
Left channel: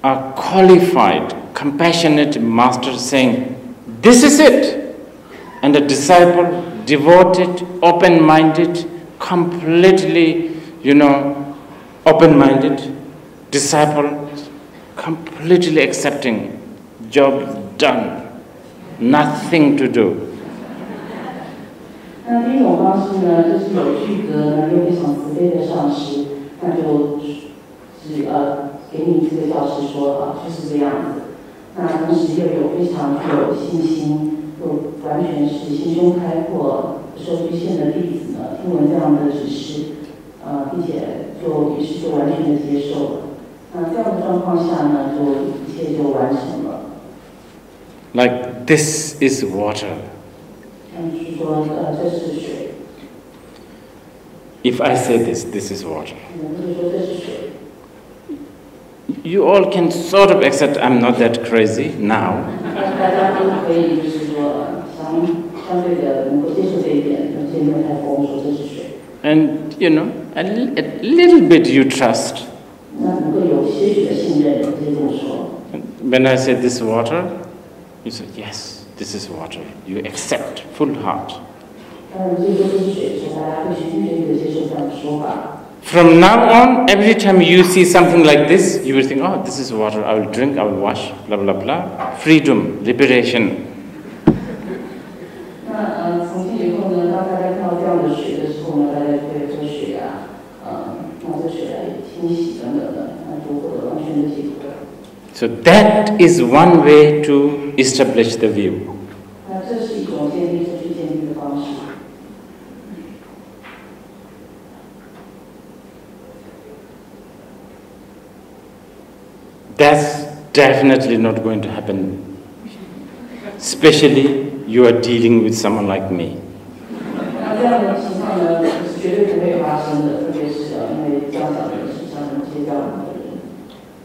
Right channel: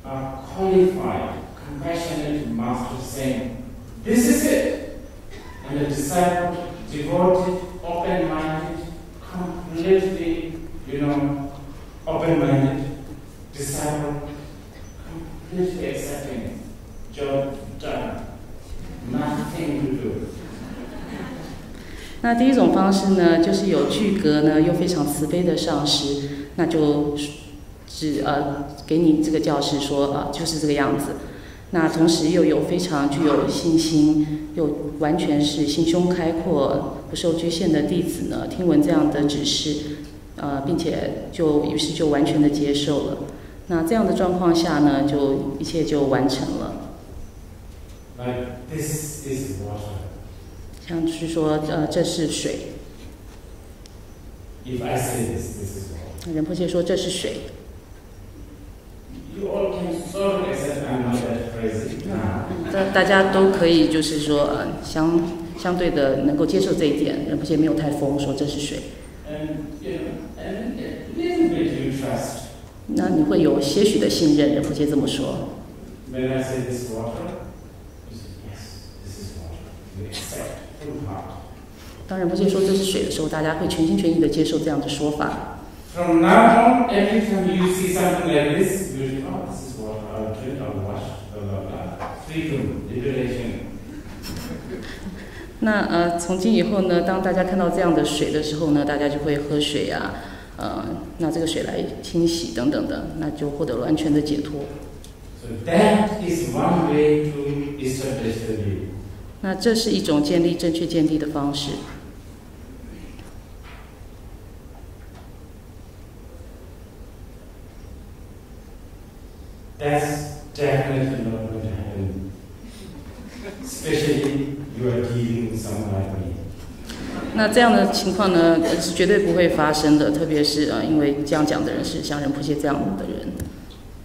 a qualified, compassionate master saying, "This is it," and a disciple, devoted, open-minded, completely, open-minded disciple, completely accepting, job done, nothing to do. 那第一种方式呢，就是有具格呢又非常慈悲的上师，那就给你这个教示说就是这个样子。那同时又有非常具有信心，又完全是心胸开阔、不受局限的弟子呢，听闻这样的指示，并且于是就完全的接受了。那这样的状况下呢，就一切就完成了。Like this is water. 像是说这是水。If I say this is water. 仁波切说这是水。You all can sort of accept I'm not that crazy now. 大家都可以就是说相对的能够接受这一点，仁波切没有太疯，说这是水。And a little bit you trust. 那你会有些许的信任，仁波切这么说。When I say this water, you say yes, this is water. You accept full heart. 当仁波切说这是水的时候，大家会全心全意的接受这样的说法。From now on, every time you see something like this, you will think, oh, this is water, I will drink, I will wash, blah, blah, blah. Freedom, liberation. 那从今以后呢，当大家看到这样的水的时候呢，大家就会喝水啊，那这个水来清洗等等的，那就获得了完全的解脱。So that is one way to establish the view. 那这是一种建立正确见地的方式。That's definitely not going to happen. Especially you are dealing with someone like me. 那这样的情况呢，是绝对不会发生的，特别是因为这样讲的人是像仁波切这样的人。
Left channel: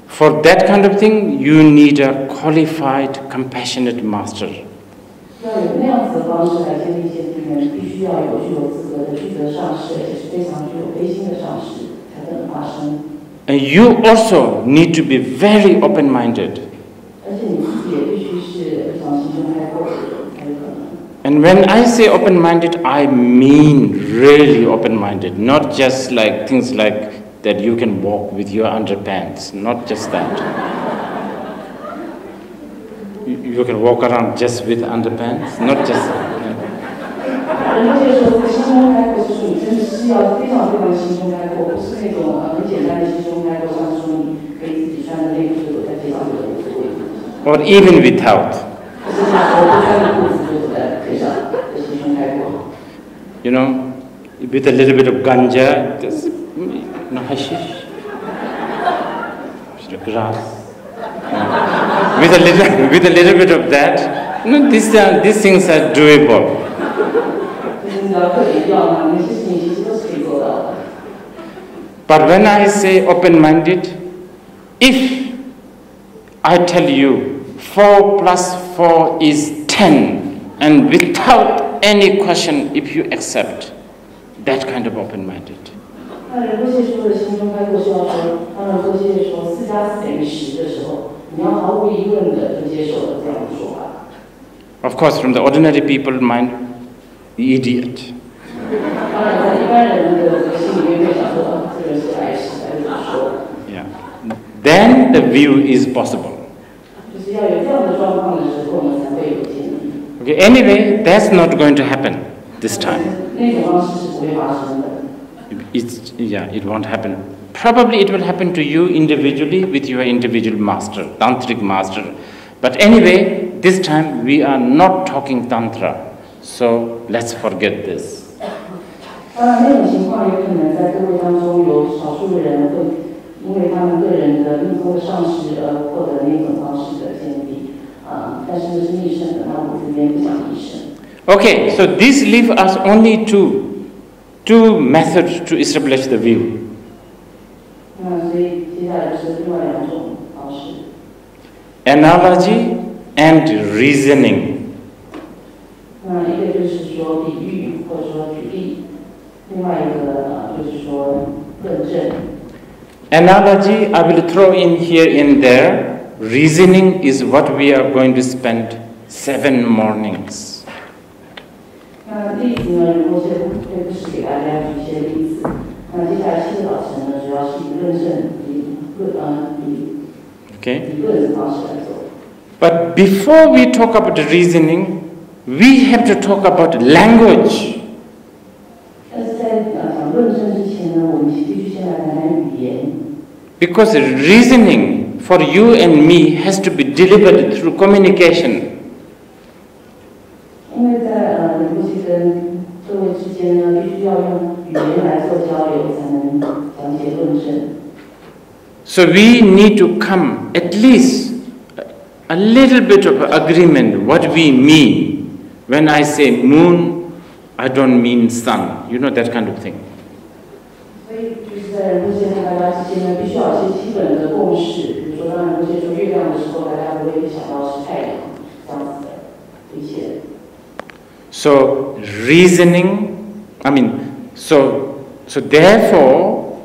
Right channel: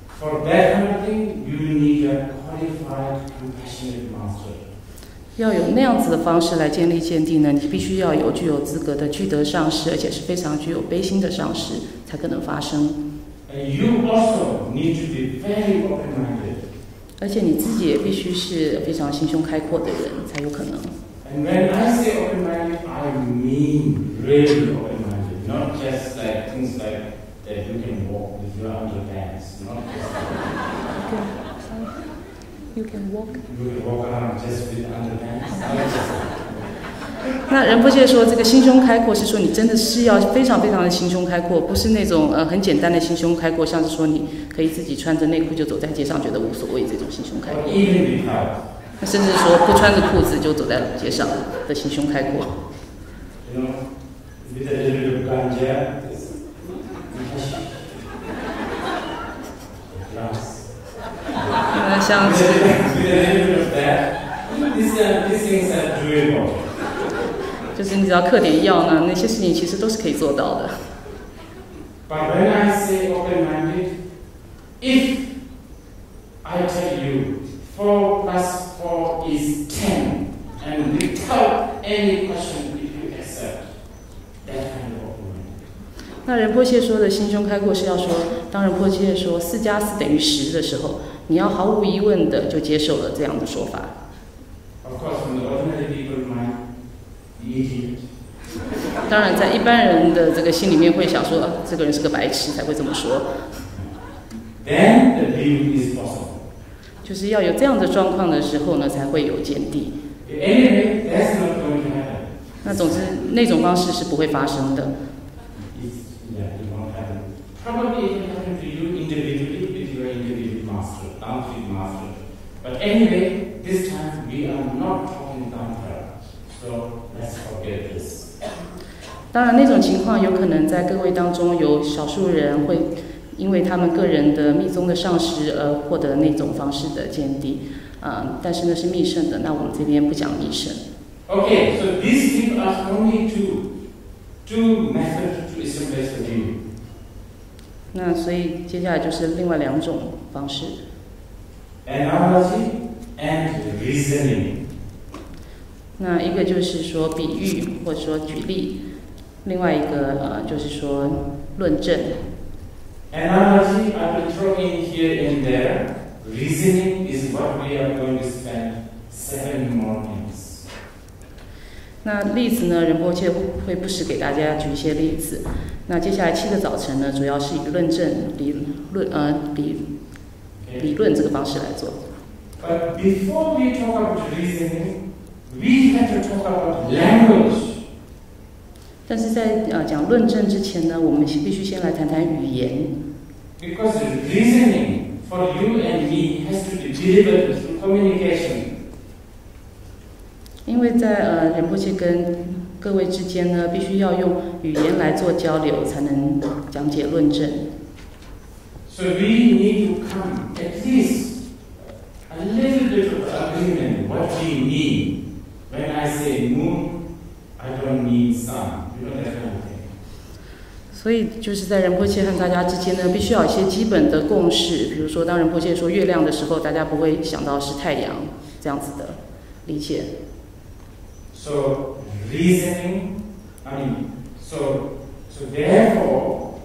For that kind of thing, you need a qualified, compassionate master. 要有那样子的方式来建立见地呢，你必须要有具有资格的具德上师，而且是非常具有悲心的上师，才可能发生。And you also need to be very open-minded. 而且你自己也必须是非常心胸开阔的人，才有可能。And when I say open-minded, I mean really open-minded, not just like things like that you can walk with your underpants, not just that. You can walk around just with underpants, not just that. 那仁波切说，这个心胸开阔是说你真的是要非常非常的心胸开阔，不是那种很简单的心胸开阔，像是说你可以自己穿着内裤就走在街上，觉得无所谓这种心胸开阔。Or even without. 甚至说不穿着裤子就走在街上的心胸开阔。With a little bit of ganja, hashish, grass. With a little bit of that, these things are doable. 就是你只要嗑点药呢，那些事情其实都是可以做到的。But when I say open-minded, if I tell you, 4 plus 4 is 10, and without any question, if you accept that kind of open-minded. 那仁波切说的心胸开阔是要说，当仁波切说4加4等于10的时候，你要毫无疑问的就接受了这样的说法。Of course, from the ordinary people mind, idiot. 当然，在一般人的这个心里面会想说，这个人是个白痴才会这么说。Yeah. Then the view is possible. 就是要有这样的状况的时候呢，才会有见地。Okay. Anyway, that's not going to happen this time. 那种方式是不会发生的。It won't happen. Probably it will happen to you individually with your individual master, tantric master. But anyway, this time we are not talking tantra, so let's forget this. 当然，那种情况有可能在各位当中有少数人会因为他们个人的密宗的上师而获得那种方式的见地，但是那是密乘的，那我们这边不讲密乘。Okay, so this leaves us only two methods to establish the view. 那所以接下来就是另外2种方式。Analogy and reasoning. 那一个就是说比喻或者说举例，另外一个就是说论证。Analogy I will throw in here and there. Reasoning is what we are going to spend 7 mornings. 那例子呢，仁波切会不时给大家举一些例子。那接下来7个早晨呢，主要是以论证、理论这个方式来做。But before we talk about the reasoning, we have to talk about language. 但是在讲论证之前呢，我们必须先来谈谈语言。Because reasoning for you and me has to be delivered through communication. 因为在仁波切跟各位之间呢，必须要用语言来做交流，才能讲解论证。So we need to come at least a little bit of agreement what we mean. When I say moon, I don't mean sun. You know that kind of thing. 所以就是在仁波切和大家之间呢，必须要有一些基本的共识。比如说，当仁波切说月亮的时候，大家不会想到是太阳这样子的理解。So reasoning, so therefore,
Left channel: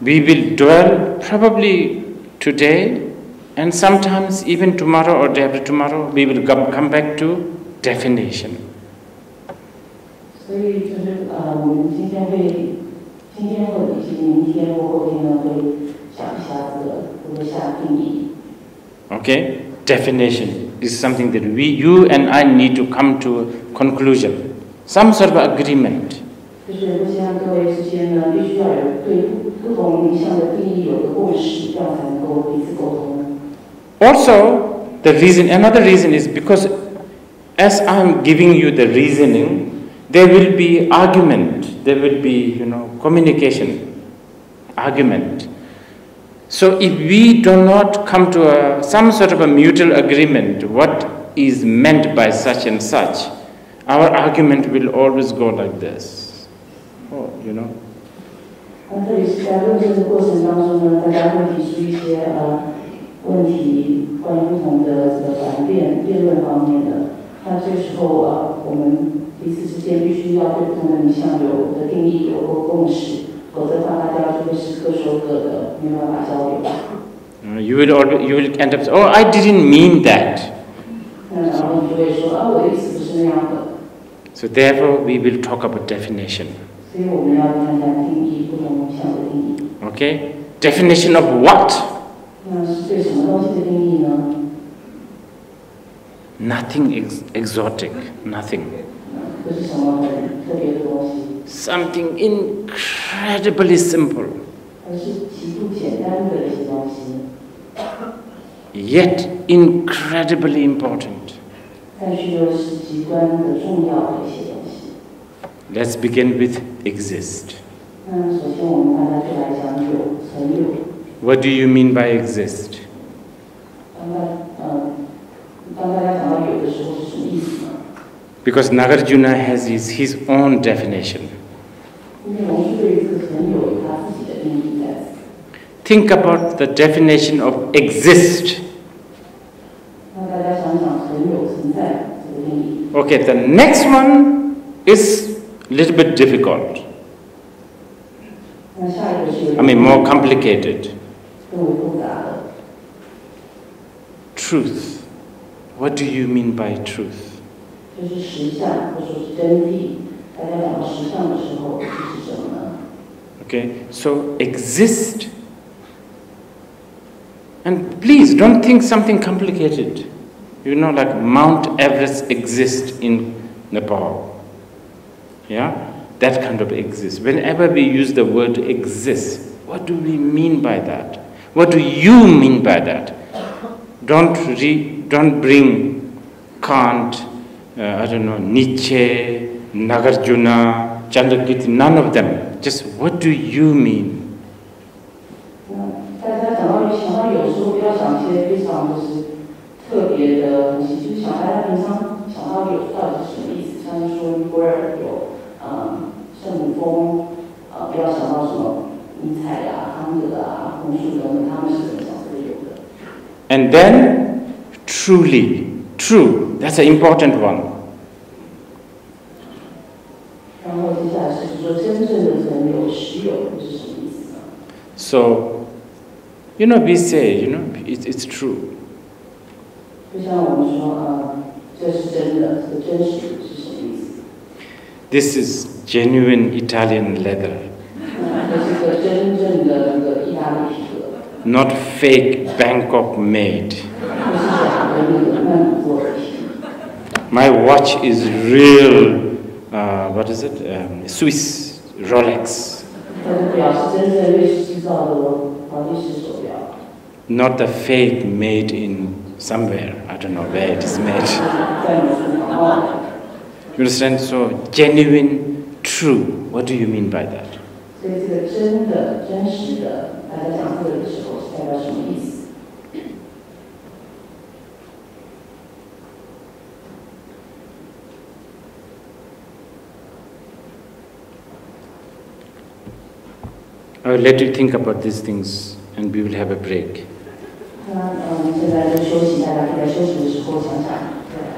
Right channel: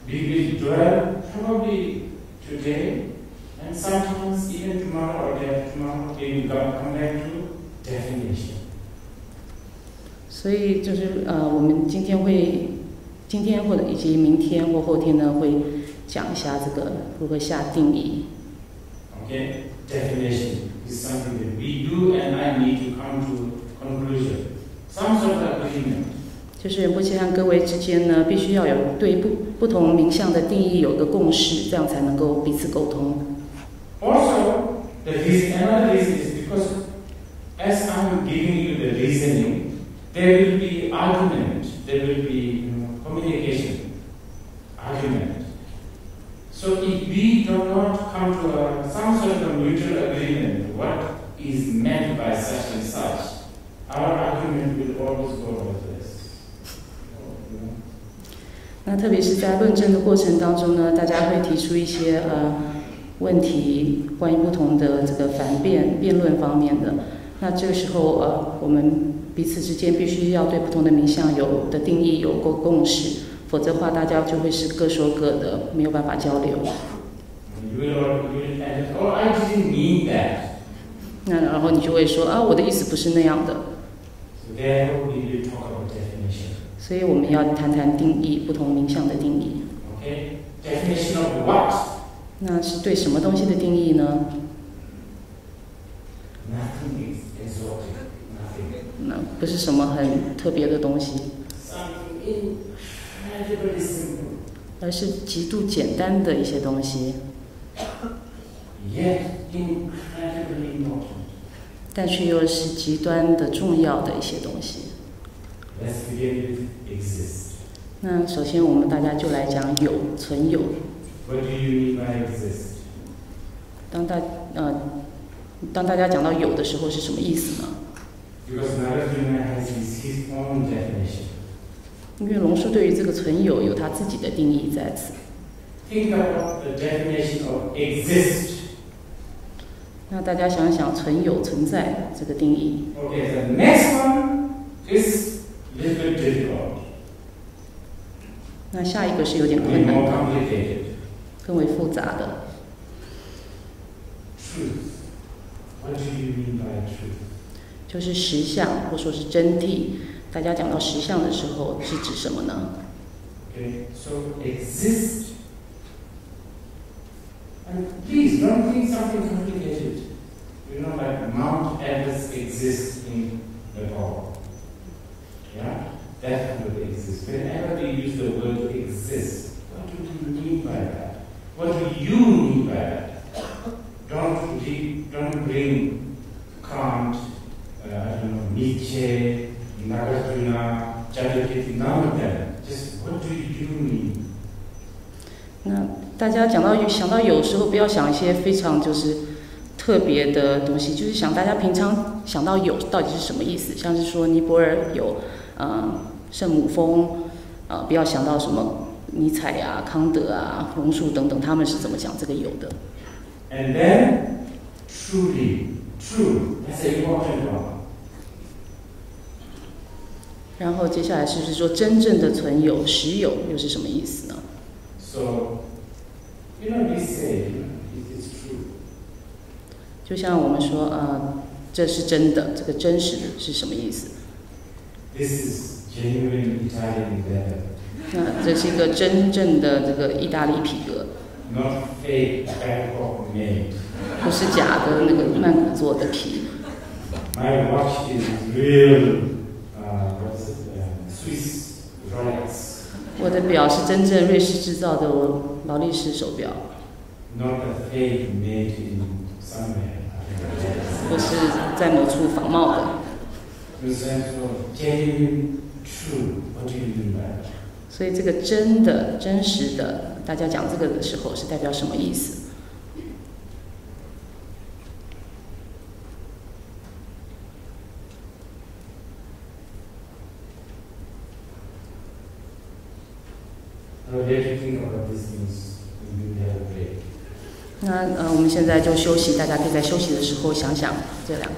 we will dwell probably today, and sometimes even tomorrow or day after tomorrow, we will come back to definition. 所以就是我们今天或者以及明天或后天呢，会讲一下这个如何下定义。Okay, definition is something that you and I need to come to a conclusion, some sort of agreement. 就是仁波切和各位之间呢，必须要有对不同名相的定义有个共识，这样才能够彼此沟通。Also, another reason is because as I'm giving you the reasoning, there will be argument, there will be, communication, argument. So if we do not come to some sort of a mutual agreement, what is meant by such and such, our argument will always go like this. Oh. 那特别是在论证的过程当中呢，大家会提出一些问题，关于不同的这个辩论方面的。那这个时候我们彼此之间必须要对不同的名相有的定义有共识，否则的话大家就会是各说各的，没有办法交流。You will end up saying, "Oh, I didn't mean that." 那然后你就会说我的意思不是那样的。So therefore, we will talk about definition. 所以我们要谈谈定义，不同名相的定义。Okay, definition of what? 那是对什么东西的定义呢？ Nothing exotic, nothing. 不是什么很特别的东西。Something incredibly simple. 而是极度简单的一些东西。Yet incredibly important. 但是又是极端的重要的一些东西。Let's begin with exist. 那首先我们大家就来讲存有。What do you mean by exist? 当大家讲到有的时候是什么意思呢？ Because Nagarjuna has his own definition. 因为龙树对于这个存有有他自己的定义在此。 Think about the definition of exist 那大家想想存有存在这个定义。Okay, the next one is a little bit difficult. 那下一个是有点 I mean, more complicated. 更为复杂的。Truth. What do you mean by truth? 就是实相，或者说是真谛。大家讲到实相的时候，是指什么呢？ Okay, so exist. And please don't think something complicated. You know, like Mount Everest exists in Nepal. Yeah? That kind of exists. Whenever we use the word exist, what do we mean by that? What do you mean by that? Don't bring Kant, I don't know, Nietzsche, Nagarjuna, Chandrakirti, none of them. Just what do you mean? 那大家想到有时候不要想一些非常就是特别的东西，就是想大家平常想到有到底是什么意思？像是说尼泊尔有圣母峰，不要想到什么尼采啊、康德啊、红树等等，他们是怎么讲这个有的。And then, truly, true, that's an important one. 然后接下来是说真正的存有、实有又是什么意思呢？ So, you know, we say, you know, it's true. 就像我们说，这是真的，这个真实是什么意思？ This is genuine Italian leather. 这是一个真正的这个意大利皮革。Not fake Bangkok made. 不是假的那个曼谷做的皮。My watch is real, what is it? Swiss Rolex. 我的表是真正瑞士制造的劳力士手表。Not the fake made in somewhere. I don't know where it is made. 在某处仿冒的。You understand? So genuine, true. What do you mean by that? 所以这个真的、真实的，大家讲这个的时候是代表什么意思？ I will let you think about these things, and we will have a break. 那我们现在就休息，大家可以在休息的时候想想这两个。